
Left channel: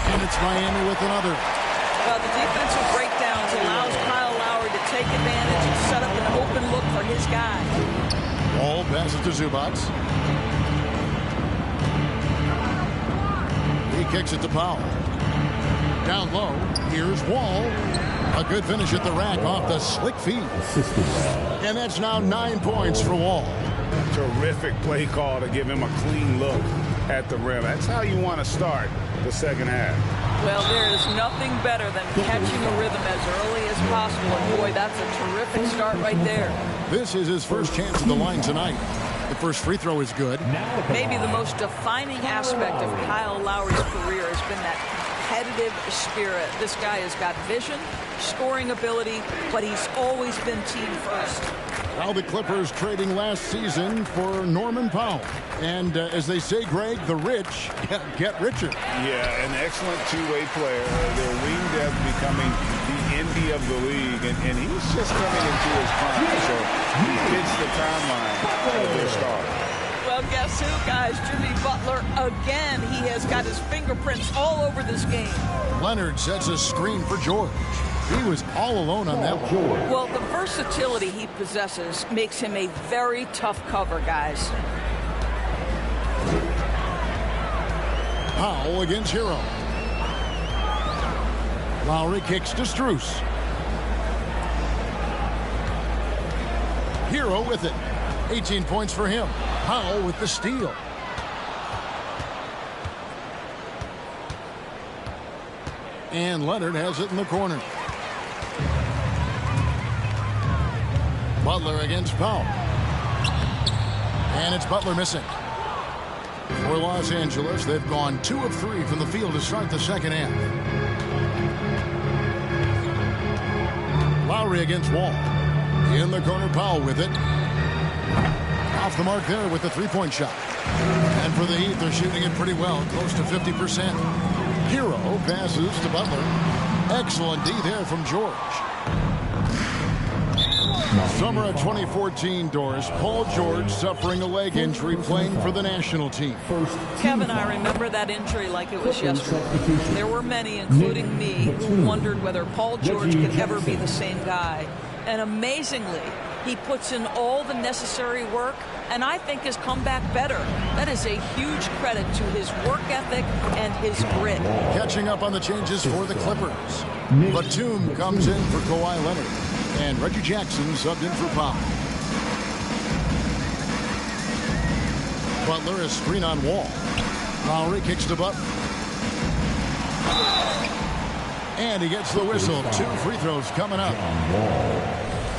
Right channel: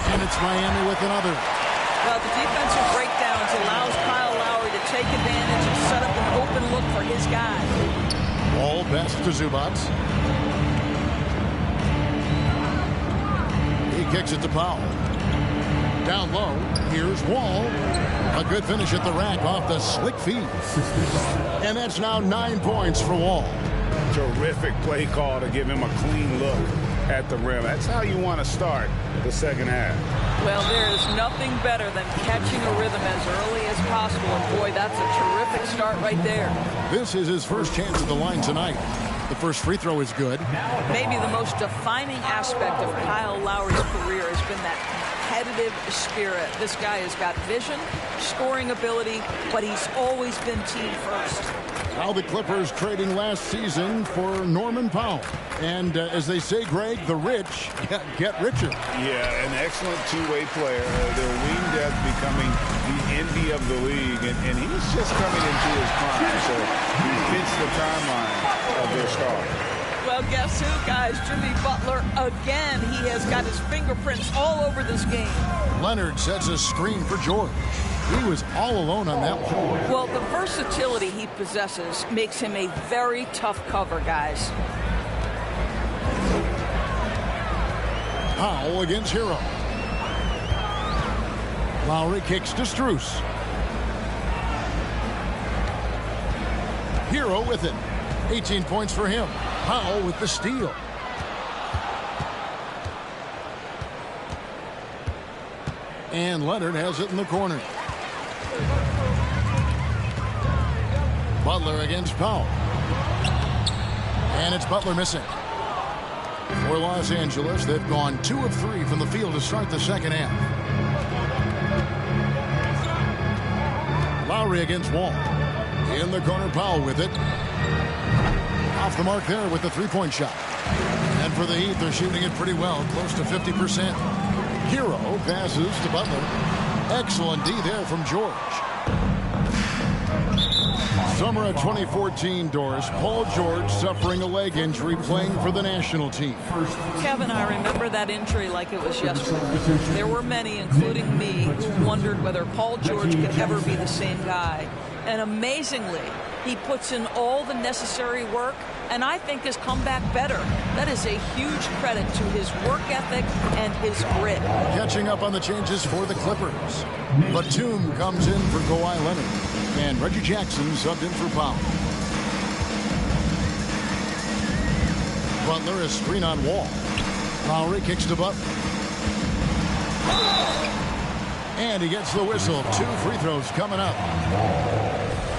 And it's Miami with another. Well, the defensive breakdowns allows Kyle Lowry to take advantage and set up an open look for his guy. Wall passes to Zubac. He kicks it to Powell. Down low, here's Wall. A good finish at the rack off the slick feed. And that's now 9 points for Wall. Terrific play call to give him a clean look at the rim. That's how you want to start the second half. Well, there is nothing better than catching a rhythm as early as possible. And boy, that's a terrific start right there. This is his first chance at the line tonight. The first free throw is good. Maybe the most defining aspect of Kyle Lowry's career has been that competitive spirit. This guy has got vision, scoring ability, but he's always been team first. Now the Clippers trading last season for Norman Powell. And as they say, Greg, the rich get richer. Yeah, an excellent two-way player. Their wing depth becoming the envy of the league. And he's just coming into his prime. So he fits the timeline of their star. Well, guess who, guys? Jimmy Butler again. He has got his fingerprints all over this game. Leonard sets a screen for George. He was all alone on that one. Well, the versatility he possesses makes him a very tough cover, guys. Powell against Hero. Lowry kicks to Strus. Hero with it. 18 points for him. Powell with the steal. And Leonard has it in the corner. Butler against Powell. And it's Butler missing. For Los Angeles, they've gone 2 of 3 from the field to start the second half. Lowry against Wall. In the corner, Powell with it. Off the mark there with the 3-point shot. And for the Heat, they're shooting it pretty well, close to 50%. Hero passes to Butler. Excellent D there from George. Summer of 2014, Doris. Paul George suffering a leg injury playing for the national team. Kevin, I remember that injury like it was yesterday. There were many, including me, who wondered whether Paul George could ever be the same guy. And amazingly, he puts in all the necessary work and I think has come back better. That is a huge credit to his work ethic and his grit. Catching up on the changes for the Clippers. Batum comes in for Kawhi Leonard. And Reggie Jackson subbed in for Powell. Butler is screen on Wall. Lowry kicks to Butler. And he gets the whistle. 2 free throws coming up.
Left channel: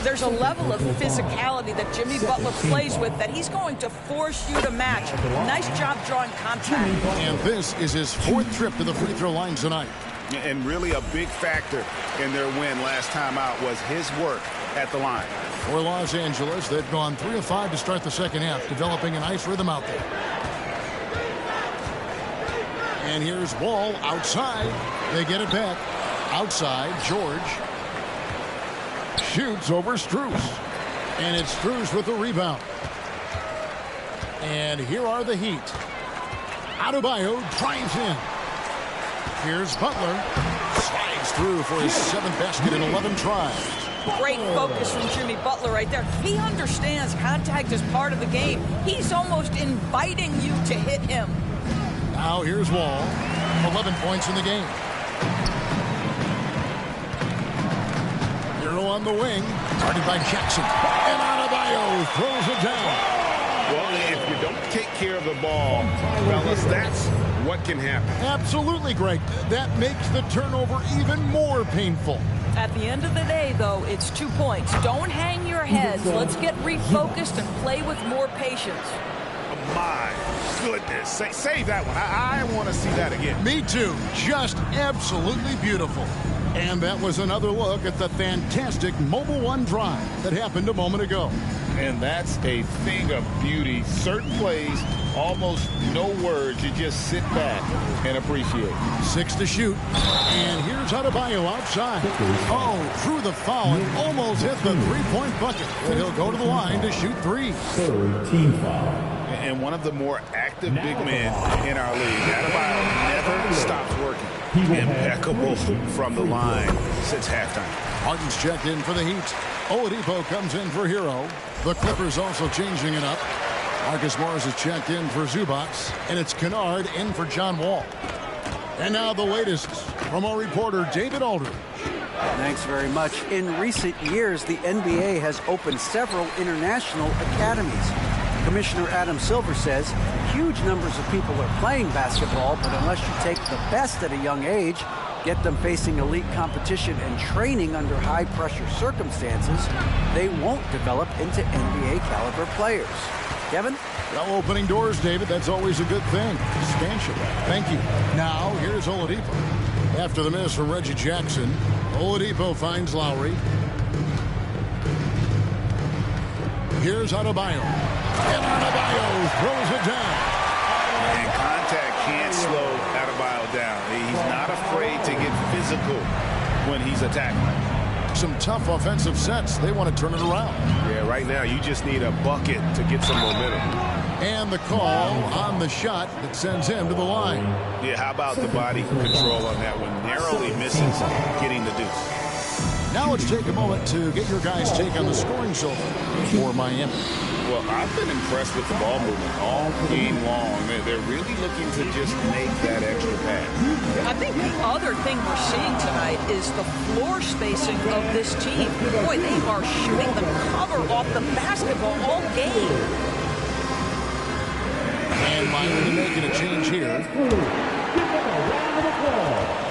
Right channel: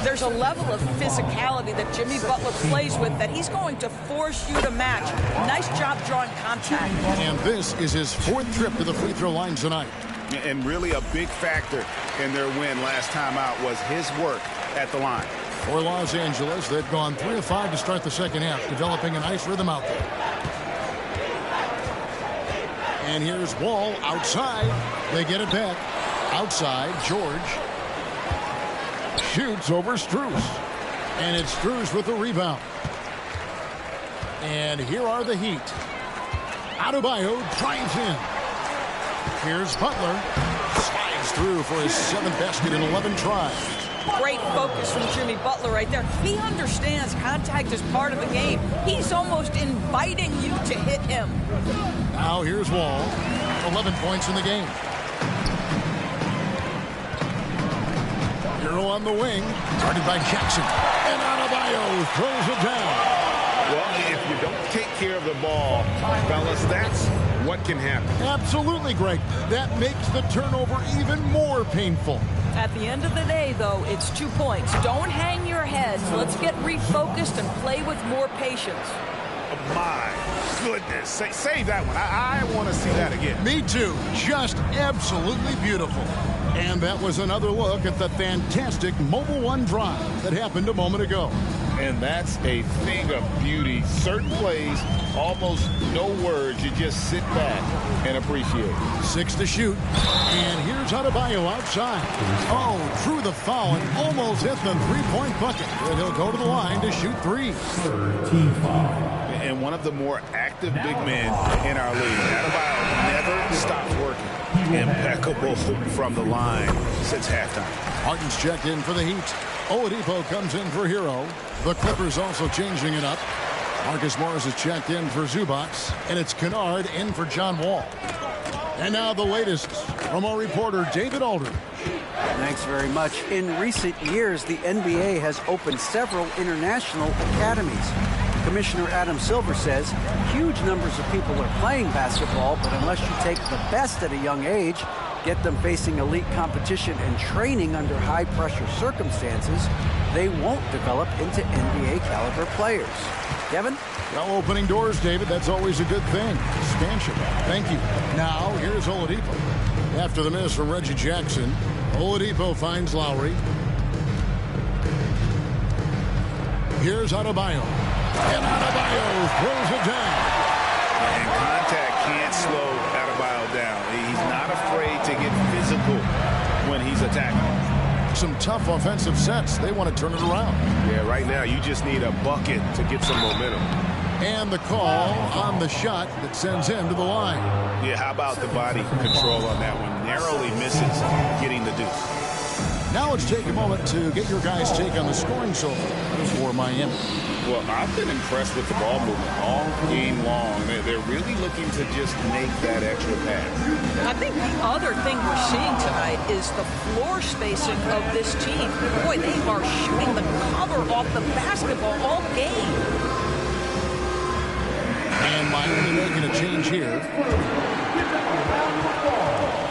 There's a level of physicality that Jimmy Butler plays with that he's going to force you to match. Nice job drawing contact. And this is his 4th trip to the free throw line tonight. And really a big factor in their win last time out was his work at the line. For Los Angeles, they've gone 3 of 5 to start the second half, developing a nice rhythm out there. And here's Wall outside. They get it back. Outside, George shoots over Strus. And it's Strus with the rebound. And here are the Heat. Adebayo drives in. Here's Butler. Slides through for his 7th basket in 11 tries. Great focus from Jimmy Butler right there. He understands contact is part of the game. He's almost inviting you to hit him. Now here's Wall. 11 points in the game. Hero on the wing. Guarded by Jackson. And Adebayo throws it down. Well, if you don't take care of the ball, fellas, that's what can happen. Absolutely, Greg. That makes the turnover even more painful. At the end of the day, though, it's 2 points. Don't hang your heads. Let's get refocused and play with more patience. Oh, my goodness. Save that one. I want to see that again. Me too. Just absolutely beautiful. And that was another look at the fantastic Mobile One drive that happened a moment ago. And that's a thing of beauty. Certain plays, almost no words. You just sit back and appreciate. 6 to shoot. And here's Adebayo outside. Oh, drew the foul and almost hit the three-point bucket. But he'll go to the line to shoot 3. Third team foul. And one of the more active big men in our league. Adebayo never stops working. Impeccable from the line since halftime. Harden's checked in for the Heat. Oladipo comes in for Hero. The Clippers also changing it up. Marcus Morris is checked in for Zubac. And it's Kennard in for John Wall. And now the latest from our reporter, David Aldridge. Thanks very much. In recent years, the NBA has opened several international academies. Commissioner Adam Silver says huge numbers of people are playing basketball, but unless you take the best at a young age, get them facing elite competition and training under high-pressure circumstances, they won't develop into NBA-caliber players. Kevin? Well, opening doors, David, that's always a good thing. Expansion. Thank you. Now, here's Oladipo. After the miss from Reggie Jackson, Oladipo finds Lowry. Here's Adebayo. And Adebayo throws it down. And contact can't slow Adebayo down. He's not afraid to get physical when he's attacking. Some tough offensive sets. They want to turn it around. Yeah, right now you just need a bucket to get some momentum. And the call on the shot that sends him to the line. Yeah, how about the body control on that one? Narrowly misses getting the deuce. Now let's take a moment to get your guys' take on the scoring so far for Miami. Well, I've been impressed with the ball movement all game long. They're really looking to just make that extra pass. I think the other thing we're seeing tonight is the floor spacing of this team. Boy, they are shooting the cover off the basketball all game. And Miami making a change here. Give them a round of applause.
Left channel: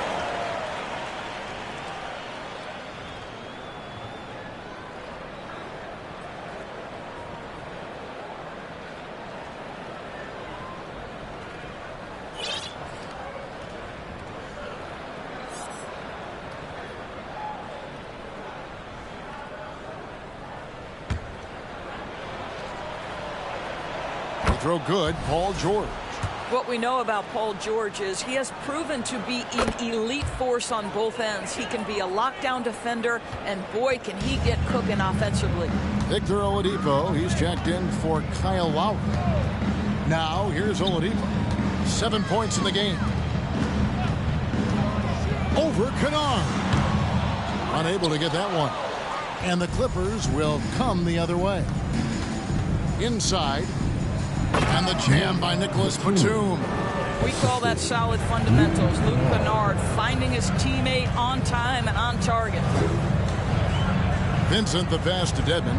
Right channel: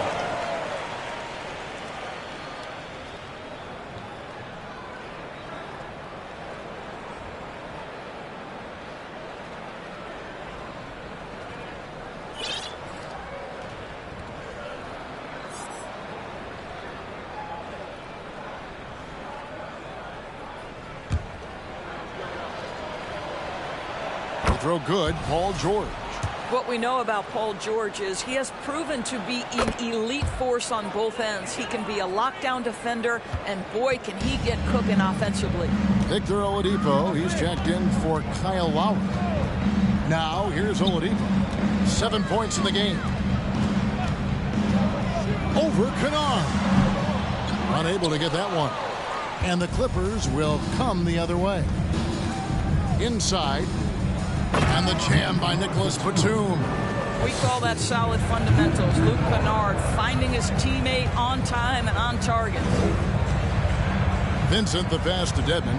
Throw good, Paul George. What we know about Paul George is he has proven to be an elite force on both ends. He can be a lockdown defender, and boy, can he get cooking offensively. Victor Oladipo, he's checked in for Kyle Lowry. Now, here's Oladipo. 7 points in the game. Over Kennard. Unable to get that one. And the Clippers will come the other way. Inside. And the jam by Nicholas Batum. We call that solid fundamentals. Luke Kennard finding his teammate on time and on target. Vincent the pass to Dedmon.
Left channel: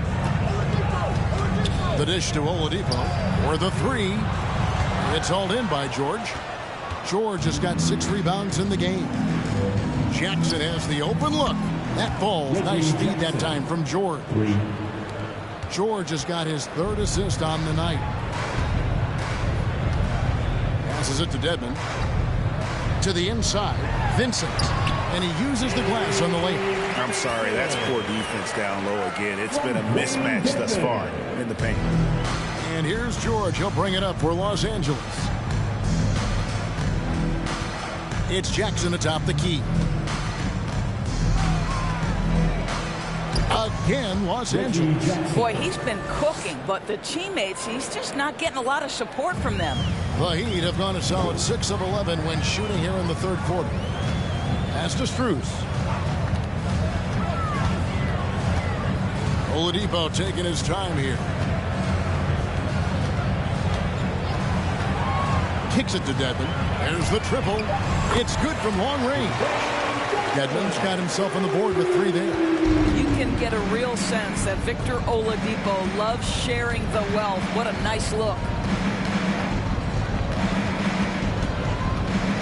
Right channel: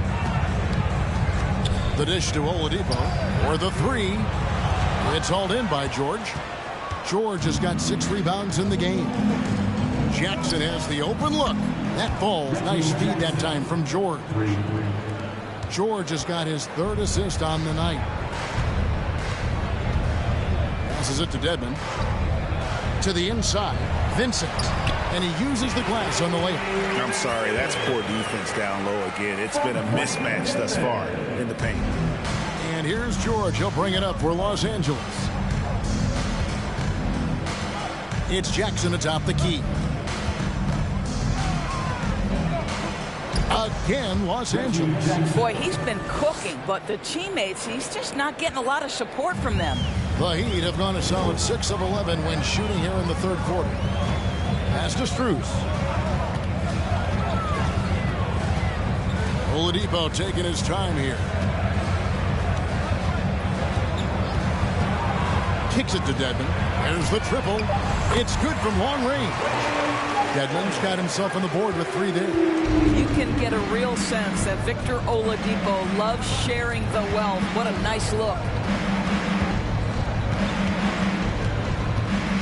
The dish to Oladipo. For the three. It's hauled in by George. George has got 6 rebounds in the game. Jackson has the open look. That falls. Nice feed that time from George. George has got his 3rd assist on the night. Passes it to Dedmon. To the inside, Vincent. And he uses the glass on the layup. I'm sorry, that's poor defense down low again. It's been a mismatch thus far in the paint. And here's George. He'll bring it up for Los Angeles. It's Jackson atop the key. Again, Los Angeles. Boy, he's been cooking, but the teammates, he's just not getting a lot of support from them. The Heat have gone a solid 6 of 11 when shooting here in the 3rd quarter. Pass to Strus. Oladipo taking his time here. Kicks it to Dedmon. There's the triple. It's good from long range. Dedmon's got himself on the board with 3 there. You can get a real sense that Victor Oladipo loves sharing the wealth. What a nice look.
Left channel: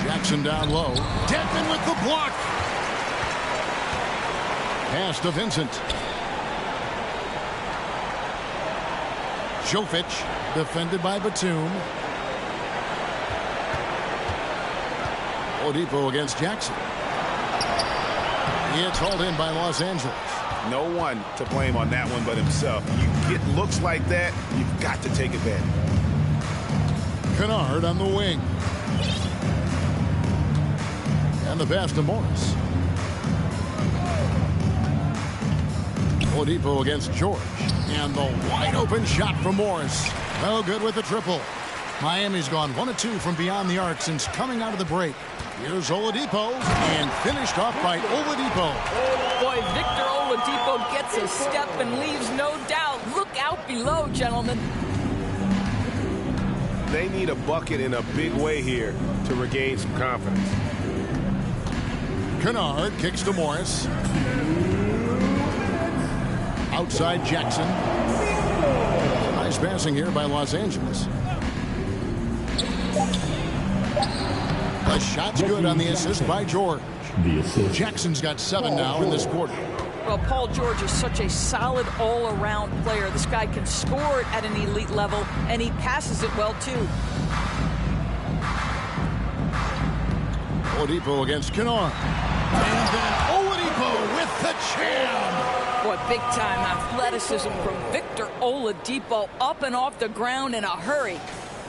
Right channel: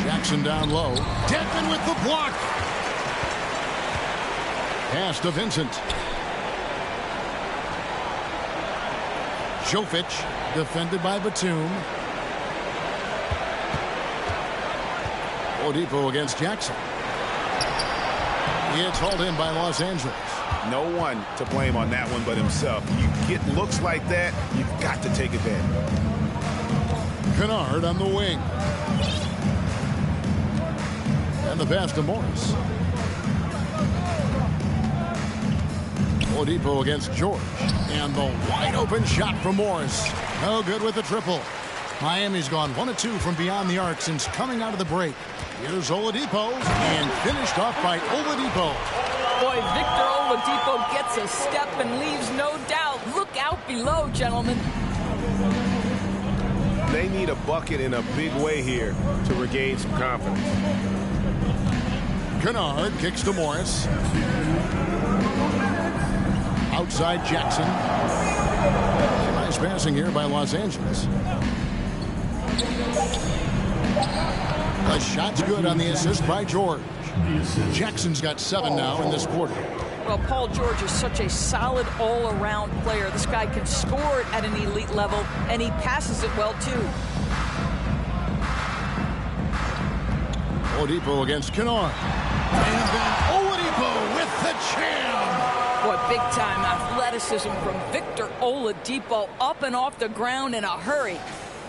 Jackson down low. Dedmon with the block. Pass to Vincent. Jovic defended by Batum. Oladipo against Jackson. It's hauled in by Los Angeles. No one to blame on that one but himself. You get looks like that, you've got to take advantage. Kennard on the wing. And the pass to Morris. Oladipo against George. And the wide open shot from Morris. No good with the triple. Miami's gone 1 of 2 from beyond the arc since coming out of the break. Here's Oladipo, and finished off by Oladipo. Boy, Victor Oladipo gets a step and leaves no doubt. Look out below, gentlemen. They need a bucket in a big way here to regain some confidence. Kennard kicks to Morris. Outside Jackson. Some nice passing here by Los Angeles. The shot's good on the assist by George. Jackson's got 7 now in this quarter. Well, Paul George is such a solid all-around player. This guy can score it at an elite level, and he passes it well, too. Oladipo against Kennard. And then Oladipo with the jam. Boy, big-time athleticism from Victor Oladipo, up and off the ground in a hurry.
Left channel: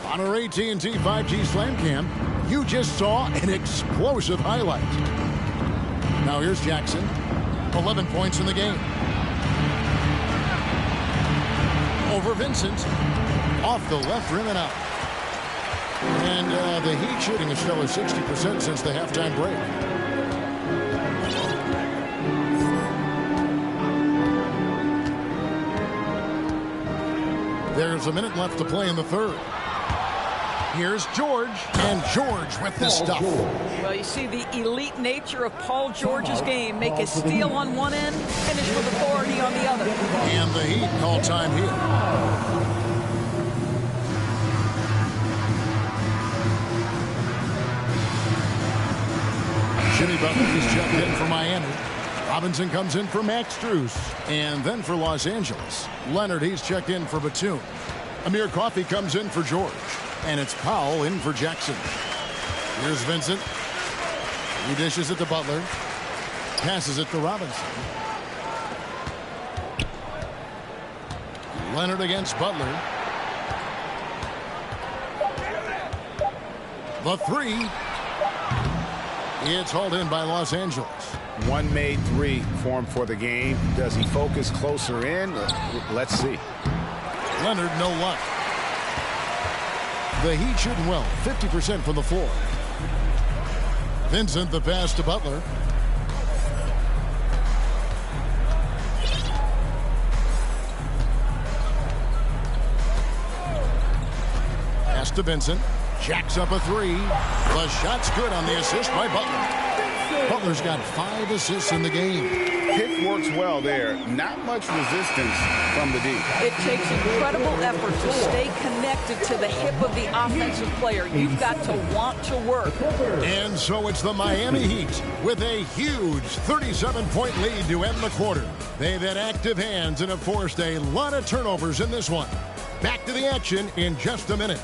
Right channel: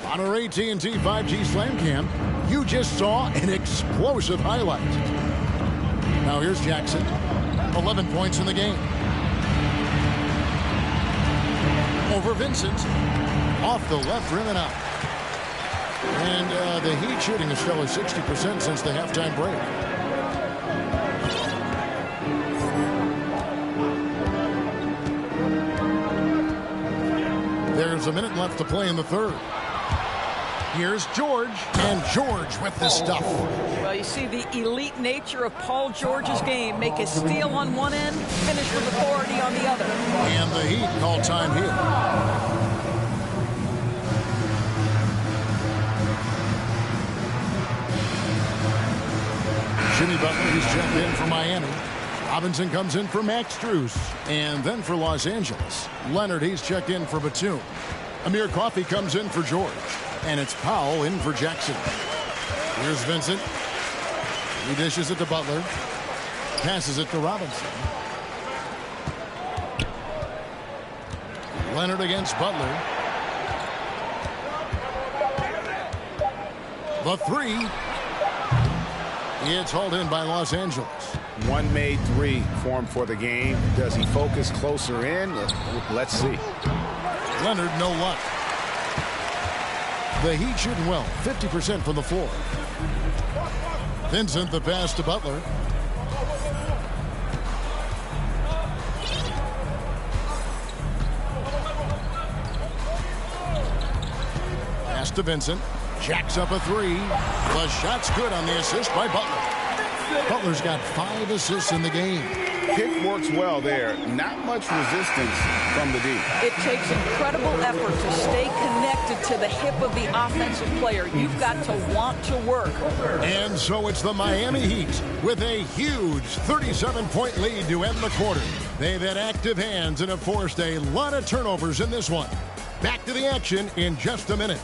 On our AT&T 5G Slam Cam, you just saw an explosive highlight. Now here's Jackson. 11 points in the game. Over Vincent. Off the left rim and out. And the Heat shooting a stellar 60% since the halftime break. There's a minute left to play in the third. Here's George, and George with the stuff. Well, you see the elite nature of Paul George's game. Make a steal on one end, finish with authority on the other. And the Heat call time here. Jimmy Butler, he's checked in for Miami. Robinson comes in for Max Strus. And then for Los Angeles, Leonard, he's checked in for Batum. Amir Coffey comes in for George. And it's Powell in for Jackson. Here's Vincent. He dishes it to Butler. Passes it to Robinson. Leonard against Butler. The three. It's hauled in by Los Angeles. One made three formed for the game. Does he focus closer in? Let's see. Leonard, no luck. The Heat shooting well, 50% from the floor. Vincent, the pass to Butler. Pass to Vincent. Jacks up a three. The shot's good on the assist by Butler. Butler's got 5 assists in the game. Pick works well there. Not much resistance from the D. It takes incredible effort to stay connected to the hip of the offensive player. You've got to want to work. And so it's the Miami Heat with a huge 37-point lead to end the quarter. They've had active hands and have forced a lot of turnovers in this one. Back to the action in just a minute.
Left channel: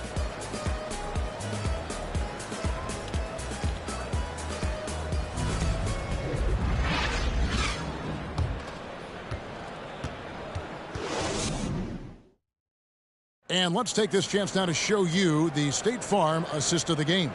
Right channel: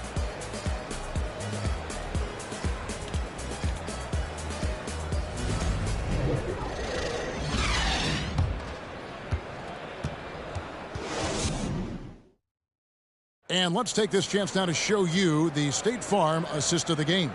And let's take this chance now to show you the State Farm assist of the game.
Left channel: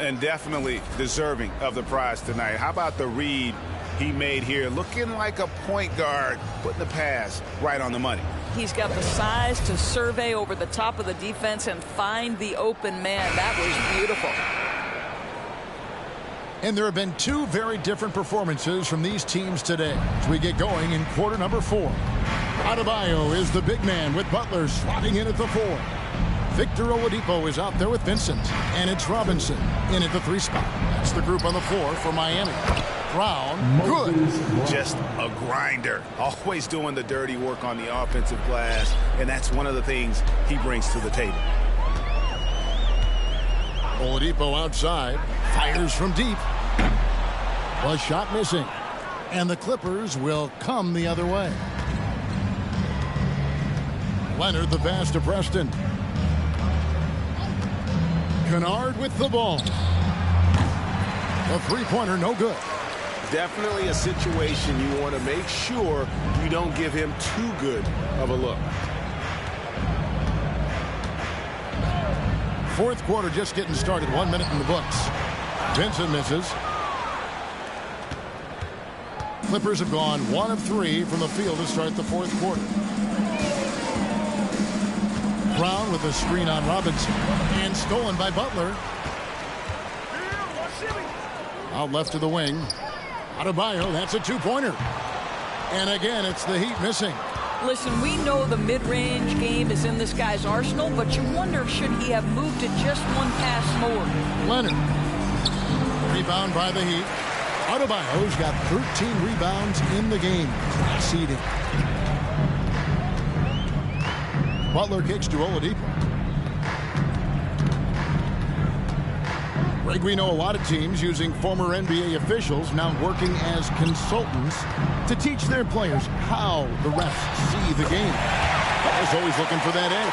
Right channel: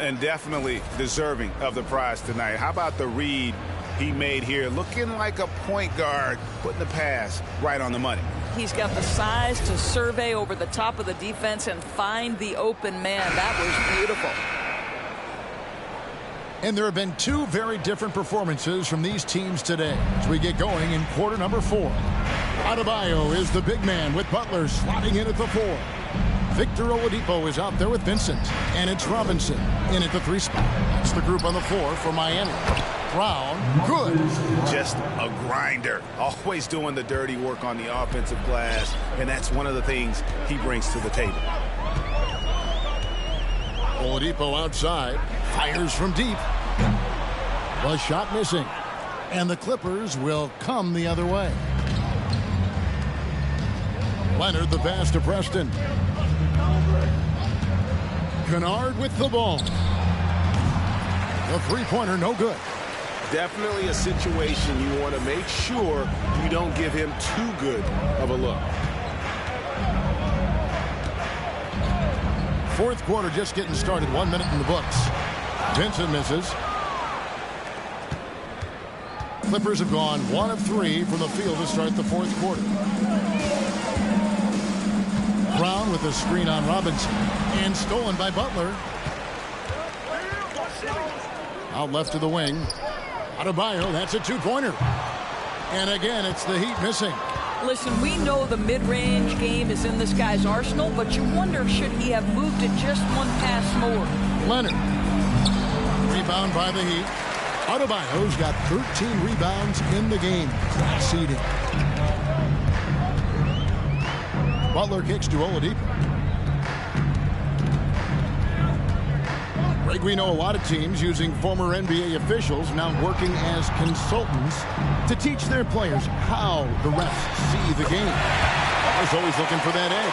And definitely deserving of the prize tonight. How about the read he made here? Looking like a point guard, putting the pass right on the money. He's got the size to survey over the top of the defense and find the open man. That was beautiful. And there have been 2 very different performances from these teams today as we get going in quarter number 4. Adebayo is the big man with Butler slotting in at the 4. Victor Oladipo is out there with Vincent. And it's Robinson in at the 3 spot. That's the group on the floor for Miami. Brown, good. Just a grinder. Always doing the dirty work on the offensive glass. And that's one of the things he brings to the table. Oladipo outside. Fires from deep. The shot missing. And the Clippers will come the other way. Leonard the pass to Preston. Kennard with the ball. The three-pointer no good. Definitely a situation you want to make sure you don't give him too good of a look. Fourth quarter just getting started. 1 minute in the books. Vincent misses. Clippers have gone 1 of 3 from the field to start the fourth quarter. Brown with a screen on Robinson. And stolen by Butler. Out left to the wing. Adebayo, that's a two-pointer. And again, it's the Heat missing. Listen, we know the mid-range game is in this guy's arsenal, but you wonder, should he have moved it just one pass more? Leonard. Rebound by the Heat. Adebayo's got 13 rebounds in the game. Class eating. Butler kicks to Oladipo. Greg, we know a lot of teams using former NBA officials now working as consultants to teach their players how the refs see the game. Butler's always looking for that edge.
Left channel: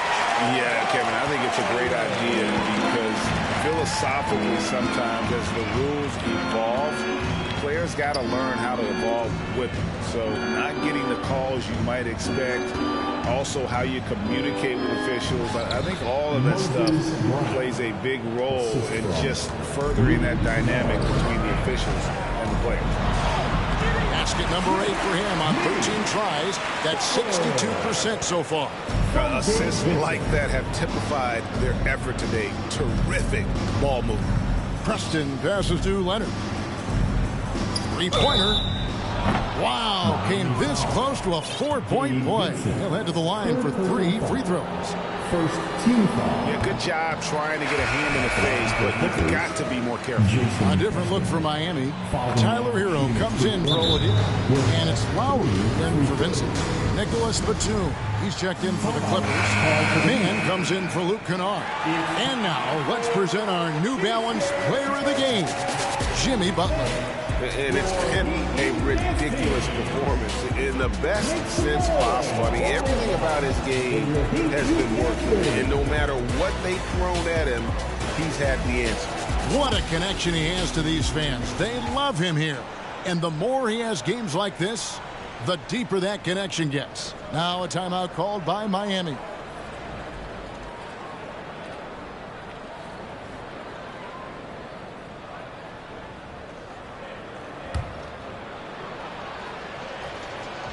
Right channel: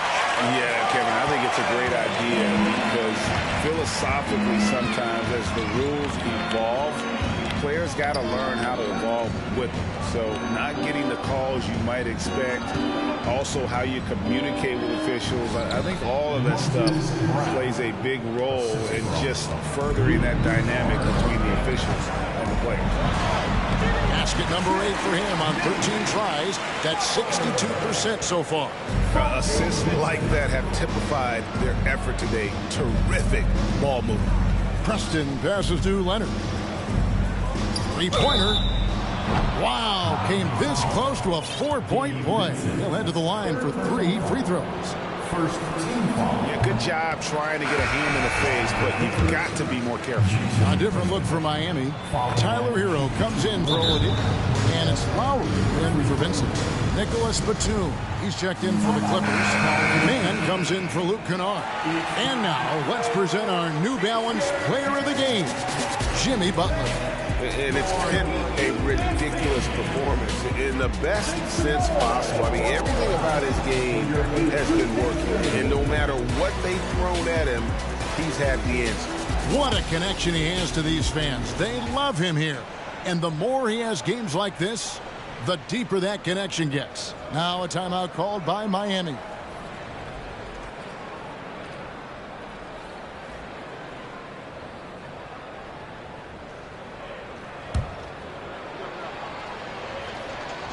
Yeah, Kevin, I think it's a great idea because philosophically sometimes as the rules evolve, players got to learn how to evolve with them. So not getting the calls you might expect, also how you communicate with officials. I think all of that stuff plays a big role in just furthering that dynamic between the officials and the players. Basket number 8 for him on 13 tries. That's 62% so far. Assists like that have typified their effort today. Terrific ball movement. Preston passes to Leonard. Three-pointer. Wow, came this close to a 4-point play. He'll head to the line for 3 free throws. First team foul. Yeah, good job trying to get a hand in the face, but you've got to be more careful. A different look for Miami. Tyler Hero comes in for Oladipo, and it's Lowry in for Vincent. Nicholas Batum, he's checked in for the Clippers. Mann comes in for Luke Kennard. And now, let's present our New Balance Player of the Game, Jimmy Butler. And it's been a ridiculous performance in the best sense possible. I mean, everything about his game has been working. And no matter what they've thrown at him, he's had the answer. What a connection he has to these fans. They love him here. And the more he has games like this, the deeper that connection gets. Now a timeout called by Miami.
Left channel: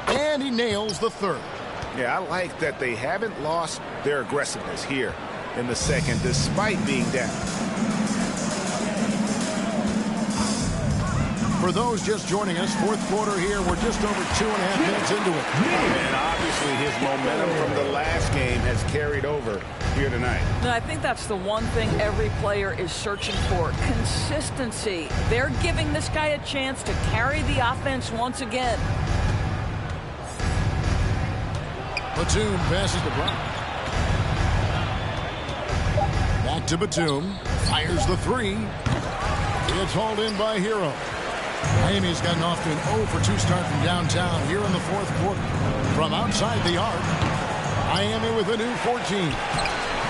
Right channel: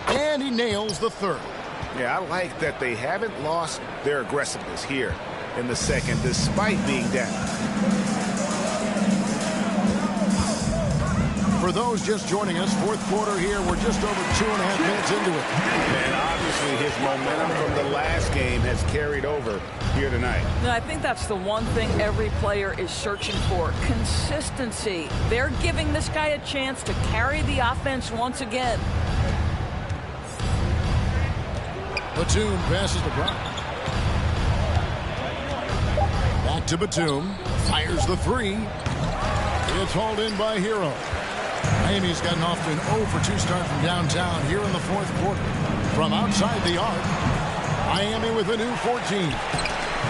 And he nails the third. Yeah, I like that they haven't lost their aggressiveness here in the second, despite being down. For those just joining us, fourth quarter here, we're just over 2.5 minutes into it. And obviously his momentum from the last game has carried over here tonight. No, I think that's the one thing every player is searching for. Consistency. They're giving this guy a chance to carry the offense once again. Batum passes to Brown. Back to Batum. Fires the 3. It's hauled in by Hero. Miami's gotten off to an 0-for-2 start from downtown here in the fourth quarter. From outside the arc, Miami with a new 14.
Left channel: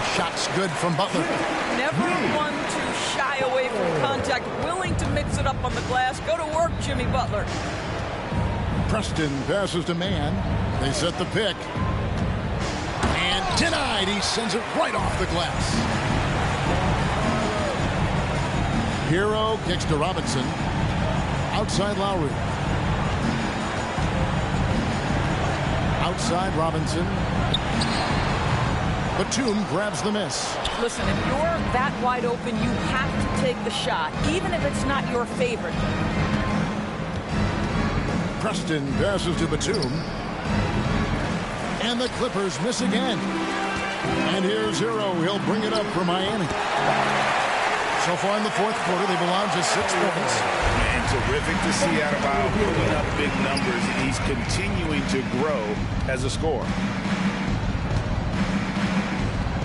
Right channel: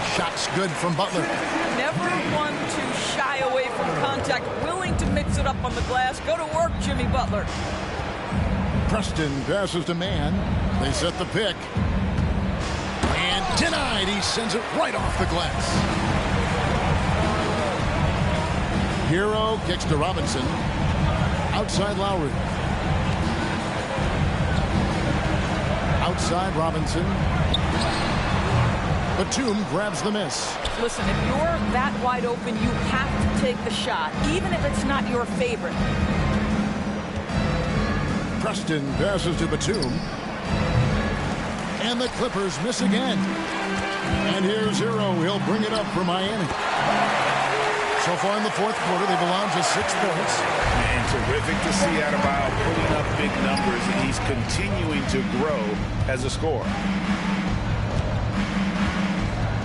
Shots good from Butler. Never one to shy away from contact. Willing to mix it up on the glass. Go to work, Jimmy Butler. Preston passes to Mann. They set the pick. And denied. He sends it right off the glass. Hero kicks to Robinson. Outside Lowry. Outside Robinson. Batum grabs the miss. Listen, if you're that wide open, you have to take the shot, even if it's not your favorite. Preston passes to Batum. And the Clippers miss again. And here's Hero. He'll bring it up for Miami. So far in the fourth quarter, they've allowed just 6 points. And terrific to see Adebayo putting up big numbers. He's continuing to grow as a scorer.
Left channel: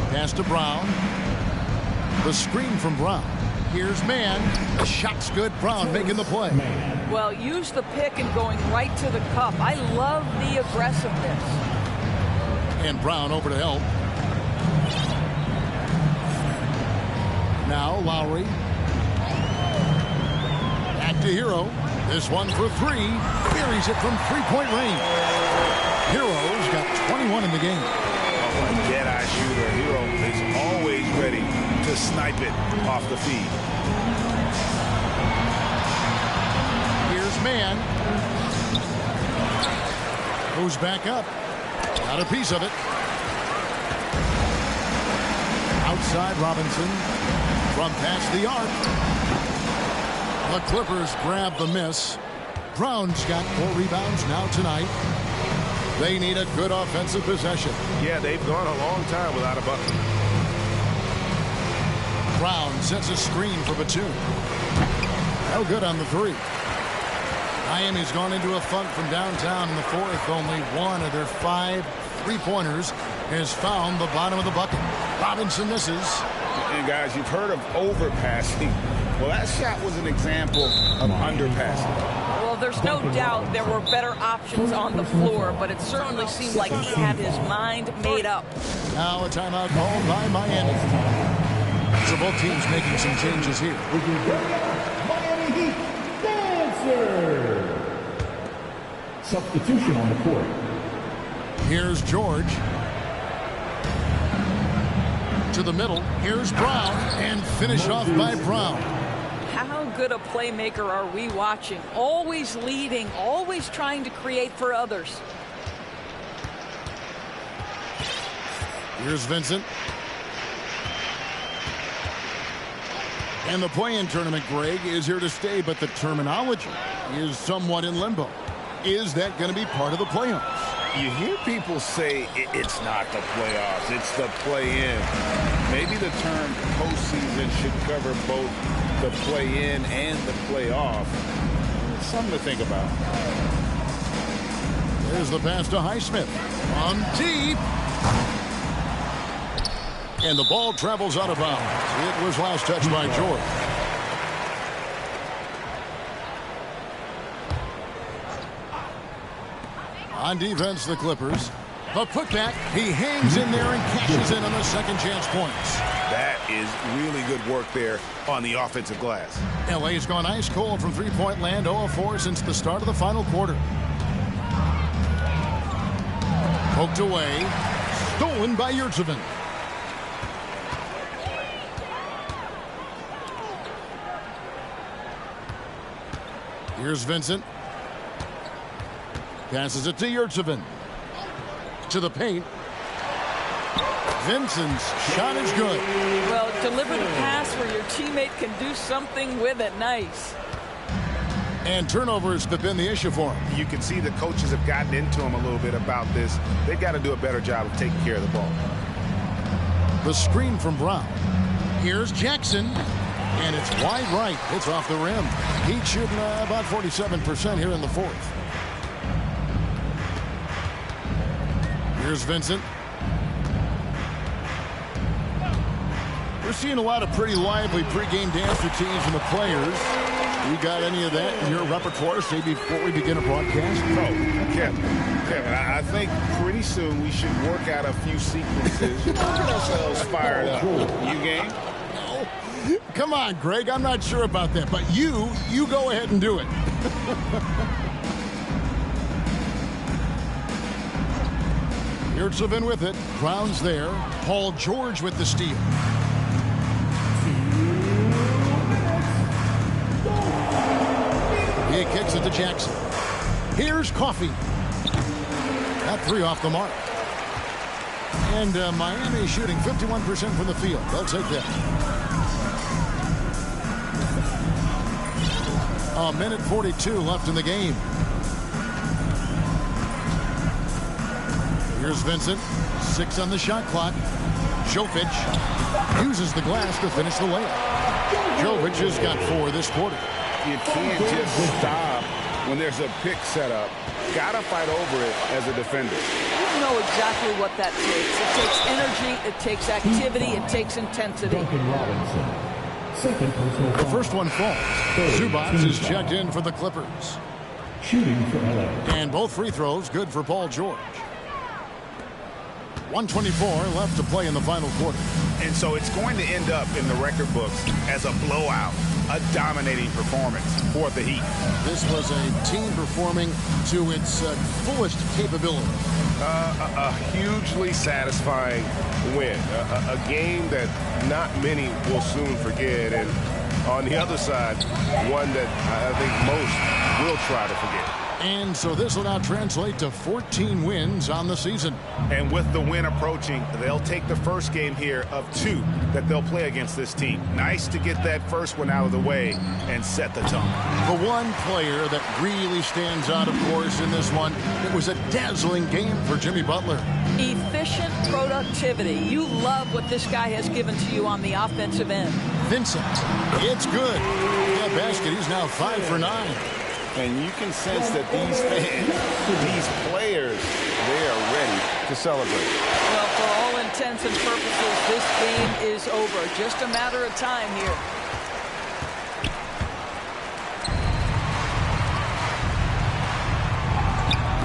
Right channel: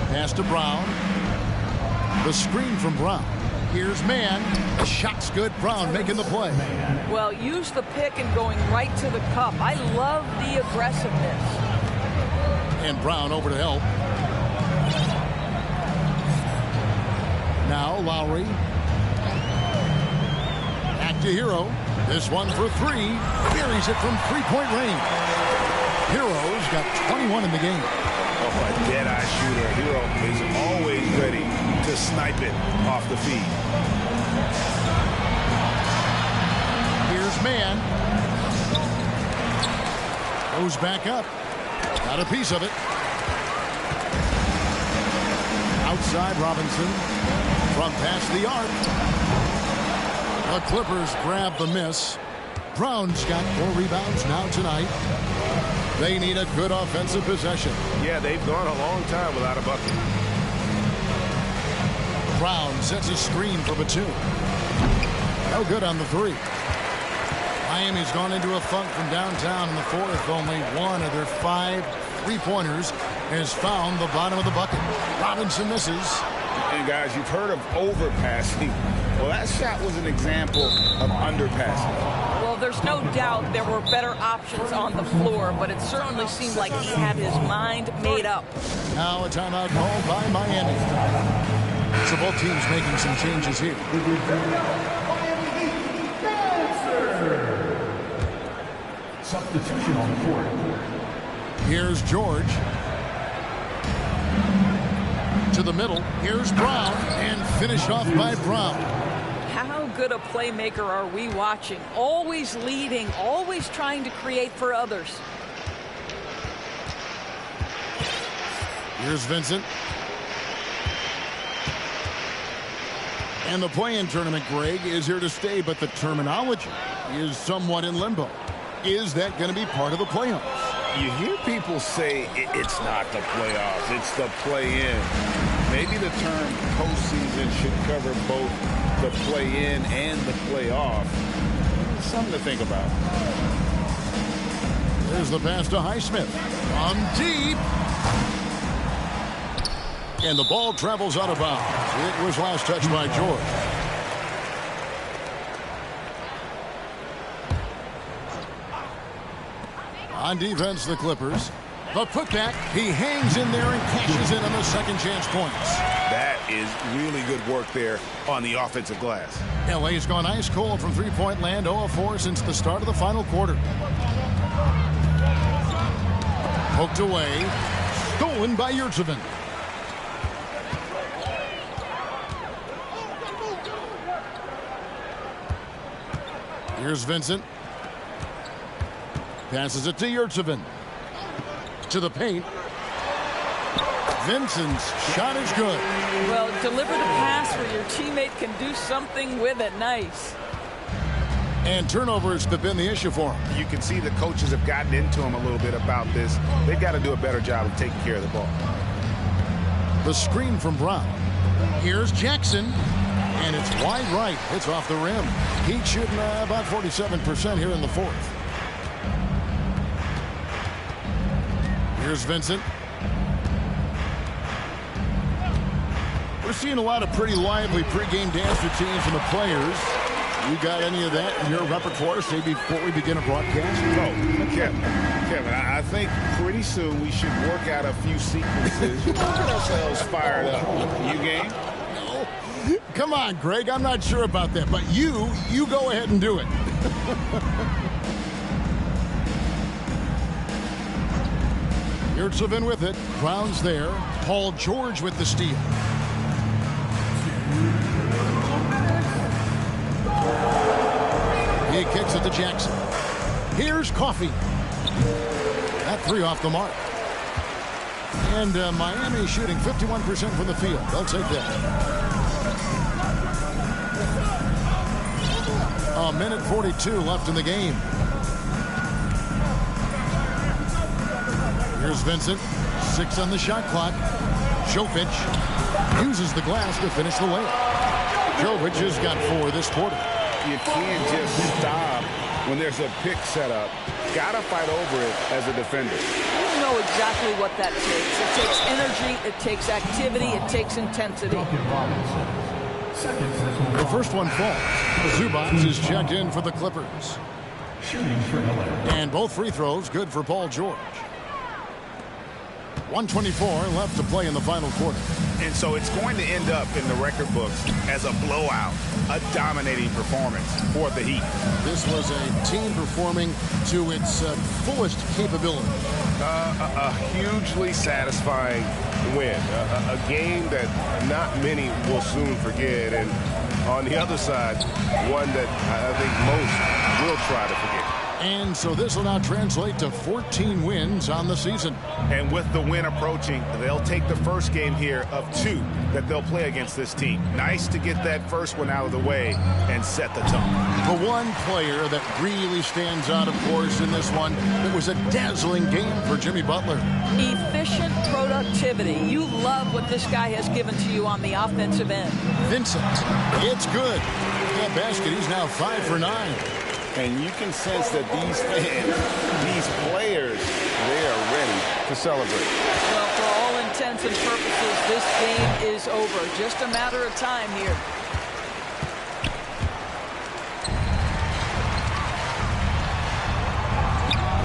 Pass to Brown. The screen from Brown. Here's Mann. The shot's good. Brown making the play. Well, use the pick and going right to the cup. I love the aggressiveness. And Brown over to help. Now Lowry. Back to Hero. This one for three. Buries it from three-point range. Hero's got 21 in the game. Oh, a dead-eye shooter. Hero is always ready to snipe it off the feed. Here's Mann. Goes back up. Got a piece of it. Outside Robinson. From past the arc. The Clippers grab the miss. Brown's got 4 rebounds now tonight. They need a good offensive possession. Yeah, they've gone a long time without a bucket. Brown sets a screen for Batum. No good on the three. Miami's gone into a funk from downtown in the fourth. Only one of their 5 three-pointers has found the bottom of the bucket. Robinson misses. And guys, you've heard of overpassing. Well, that shot was an example of underpassing. Well, there's no doubt there were better options on the floor, but it certainly seemed like he had his mind made up. Now a timeout called by Miami. So both teams making some changes here. Miami Heat, Dancer. Substitution on the court. Here's George. To the middle. Here's Brown. And finished off by Brown. How good a playmaker are we watching? Always leading, always trying to create for others. Here's Vincent. And the play-in tournament, Greg, is here to stay, but the terminology is somewhat in limbo. Is that going to be part of the playoffs? You hear people say it's not the playoffs, it's the play-in. Maybe the term postseason should cover both the play-in and the playoff. Something to think about. There's the pass to Highsmith. From deep. And the ball travels out of bounds. It was last touched by George. On defense, the Clippers. The putback. He hangs in there and cashes in on the second chance points. That is really good work there on the offensive glass. LA's gone ice cold from three-point land, 0-4 since the start of the final quarter. Poked away. Stolen by Yurtseven. Here's Vincent. Passes it to Yurtseven. To the paint. Vincent's shot is good. Well, deliver the pass where your teammate can do something with it. Nice. And turnovers have been the issue for him. You can see the coaches have gotten into him a little bit about this. They've got to do a better job of taking care of the ball. The screen from Brown. Here's Jackson. And it's wide right. It's off the rim. Heat shooting about 47% here in the fourth. Here's Vincent. We're seeing a lot of pretty lively pregame dance routines from the players. You got any of that in your repertoire, say, before we begin a broadcast? No, Kevin, I think pretty soon we should work out a few sequences. Get ourselves fired up. You game? No. Come on, Greg. I'm not sure about that, but you go ahead and do it. Yurtseven with it. Brown's there. Paul George with the steal. He kicks it to Jackson. Here's Coffey. That three off the mark. And Miami shooting 51% from the field. They'll take that. A minute 42 left in the game. Here's Vincent. 6 on the shot clock. Jovic uses the glass to finish the layup. Jovic has got 4 this quarter. You can't just stop when there's a pick set up. Gotta fight over it as a defender. You know exactly what that takes. It takes energy, it takes activity, it takes intensity. The first one falls. Zubac is checked in for the Clippers. Shooting for LA. And both free throws good for Paul George. 1:24 left to play in the final quarter. And so it's going to end up in the record books as a blowout, a dominating performance for the Heat. This was a team performing to its fullest capability. A hugely satisfying win. A game that not many will soon forget. And on the other side, one that I think most will try to forget. And so this will now translate to 14 wins on the season. And with the win approaching, they'll take the first game here of 2 that they'll play against this team. Nice to get that first one out of the way and set the tone. The one player that really stands out, of course, in this one, it was a dazzling game for Jimmy Butler. Efficient productivity. You love what this guy has given to you on the offensive end. Vincent, it's good. That basket, he's now 5 for 9. And you can sense that these fans, these players, they are ready to celebrate. Well, for all intents and purposes, this game is over. Just a matter of time here.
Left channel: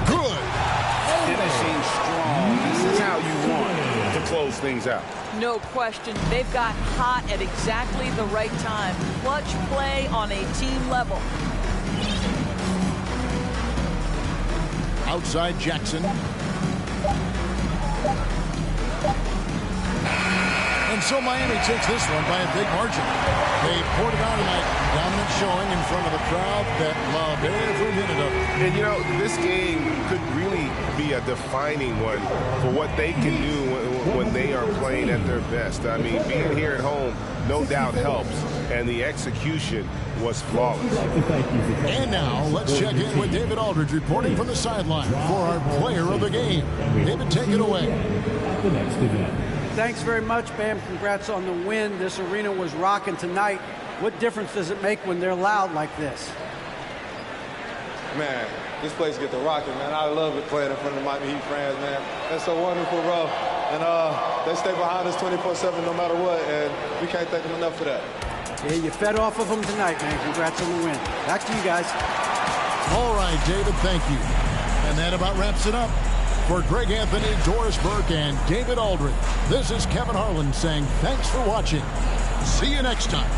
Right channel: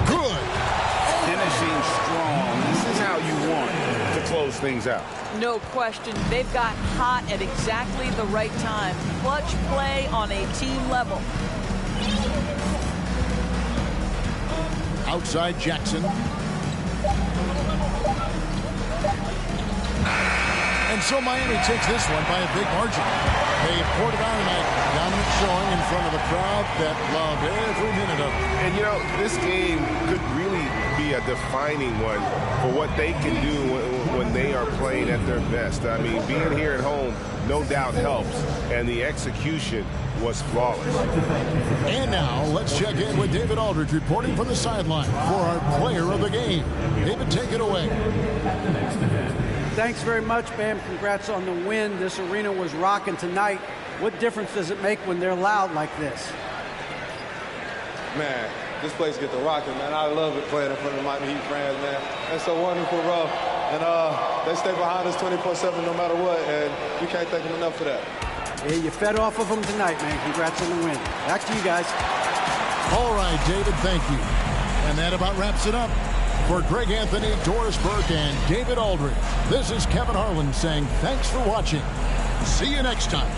Good. Finishing strong. This is how you want to close things out. No question. They've got hot at exactly the right time. Clutch play on a team level. Outside Jackson. And so Miami takes this one by a big margin. They poured it on tonight. Dominant showing in front of a crowd that loved every minute of it. And, you know, this game could really be a defining one for what they can do when they are playing at their best. I mean, being here at home no doubt helps, and the execution was flawless. And now let's check in with David Aldridge reporting from the sideline for our player of the game. David, take it away. At the next event. Thanks very much, Bam. Congrats on the win. This arena was rocking tonight. What difference does it make when they're loud like this? Man, this place get the rocking, man. I love it playing in front of the Miami Heat fans, man. That's so wonderful, bro. And they stay behind us 24/7 no matter what, and we can't thank them enough for that. Yeah, you fed off of them tonight, man. Congrats on the win. Back to you guys. All right, David, thank you. And that about wraps it up. For Greg Anthony, Doris Burke, and David Aldridge, this is Kevin Harlan saying thanks for watching. See you next time.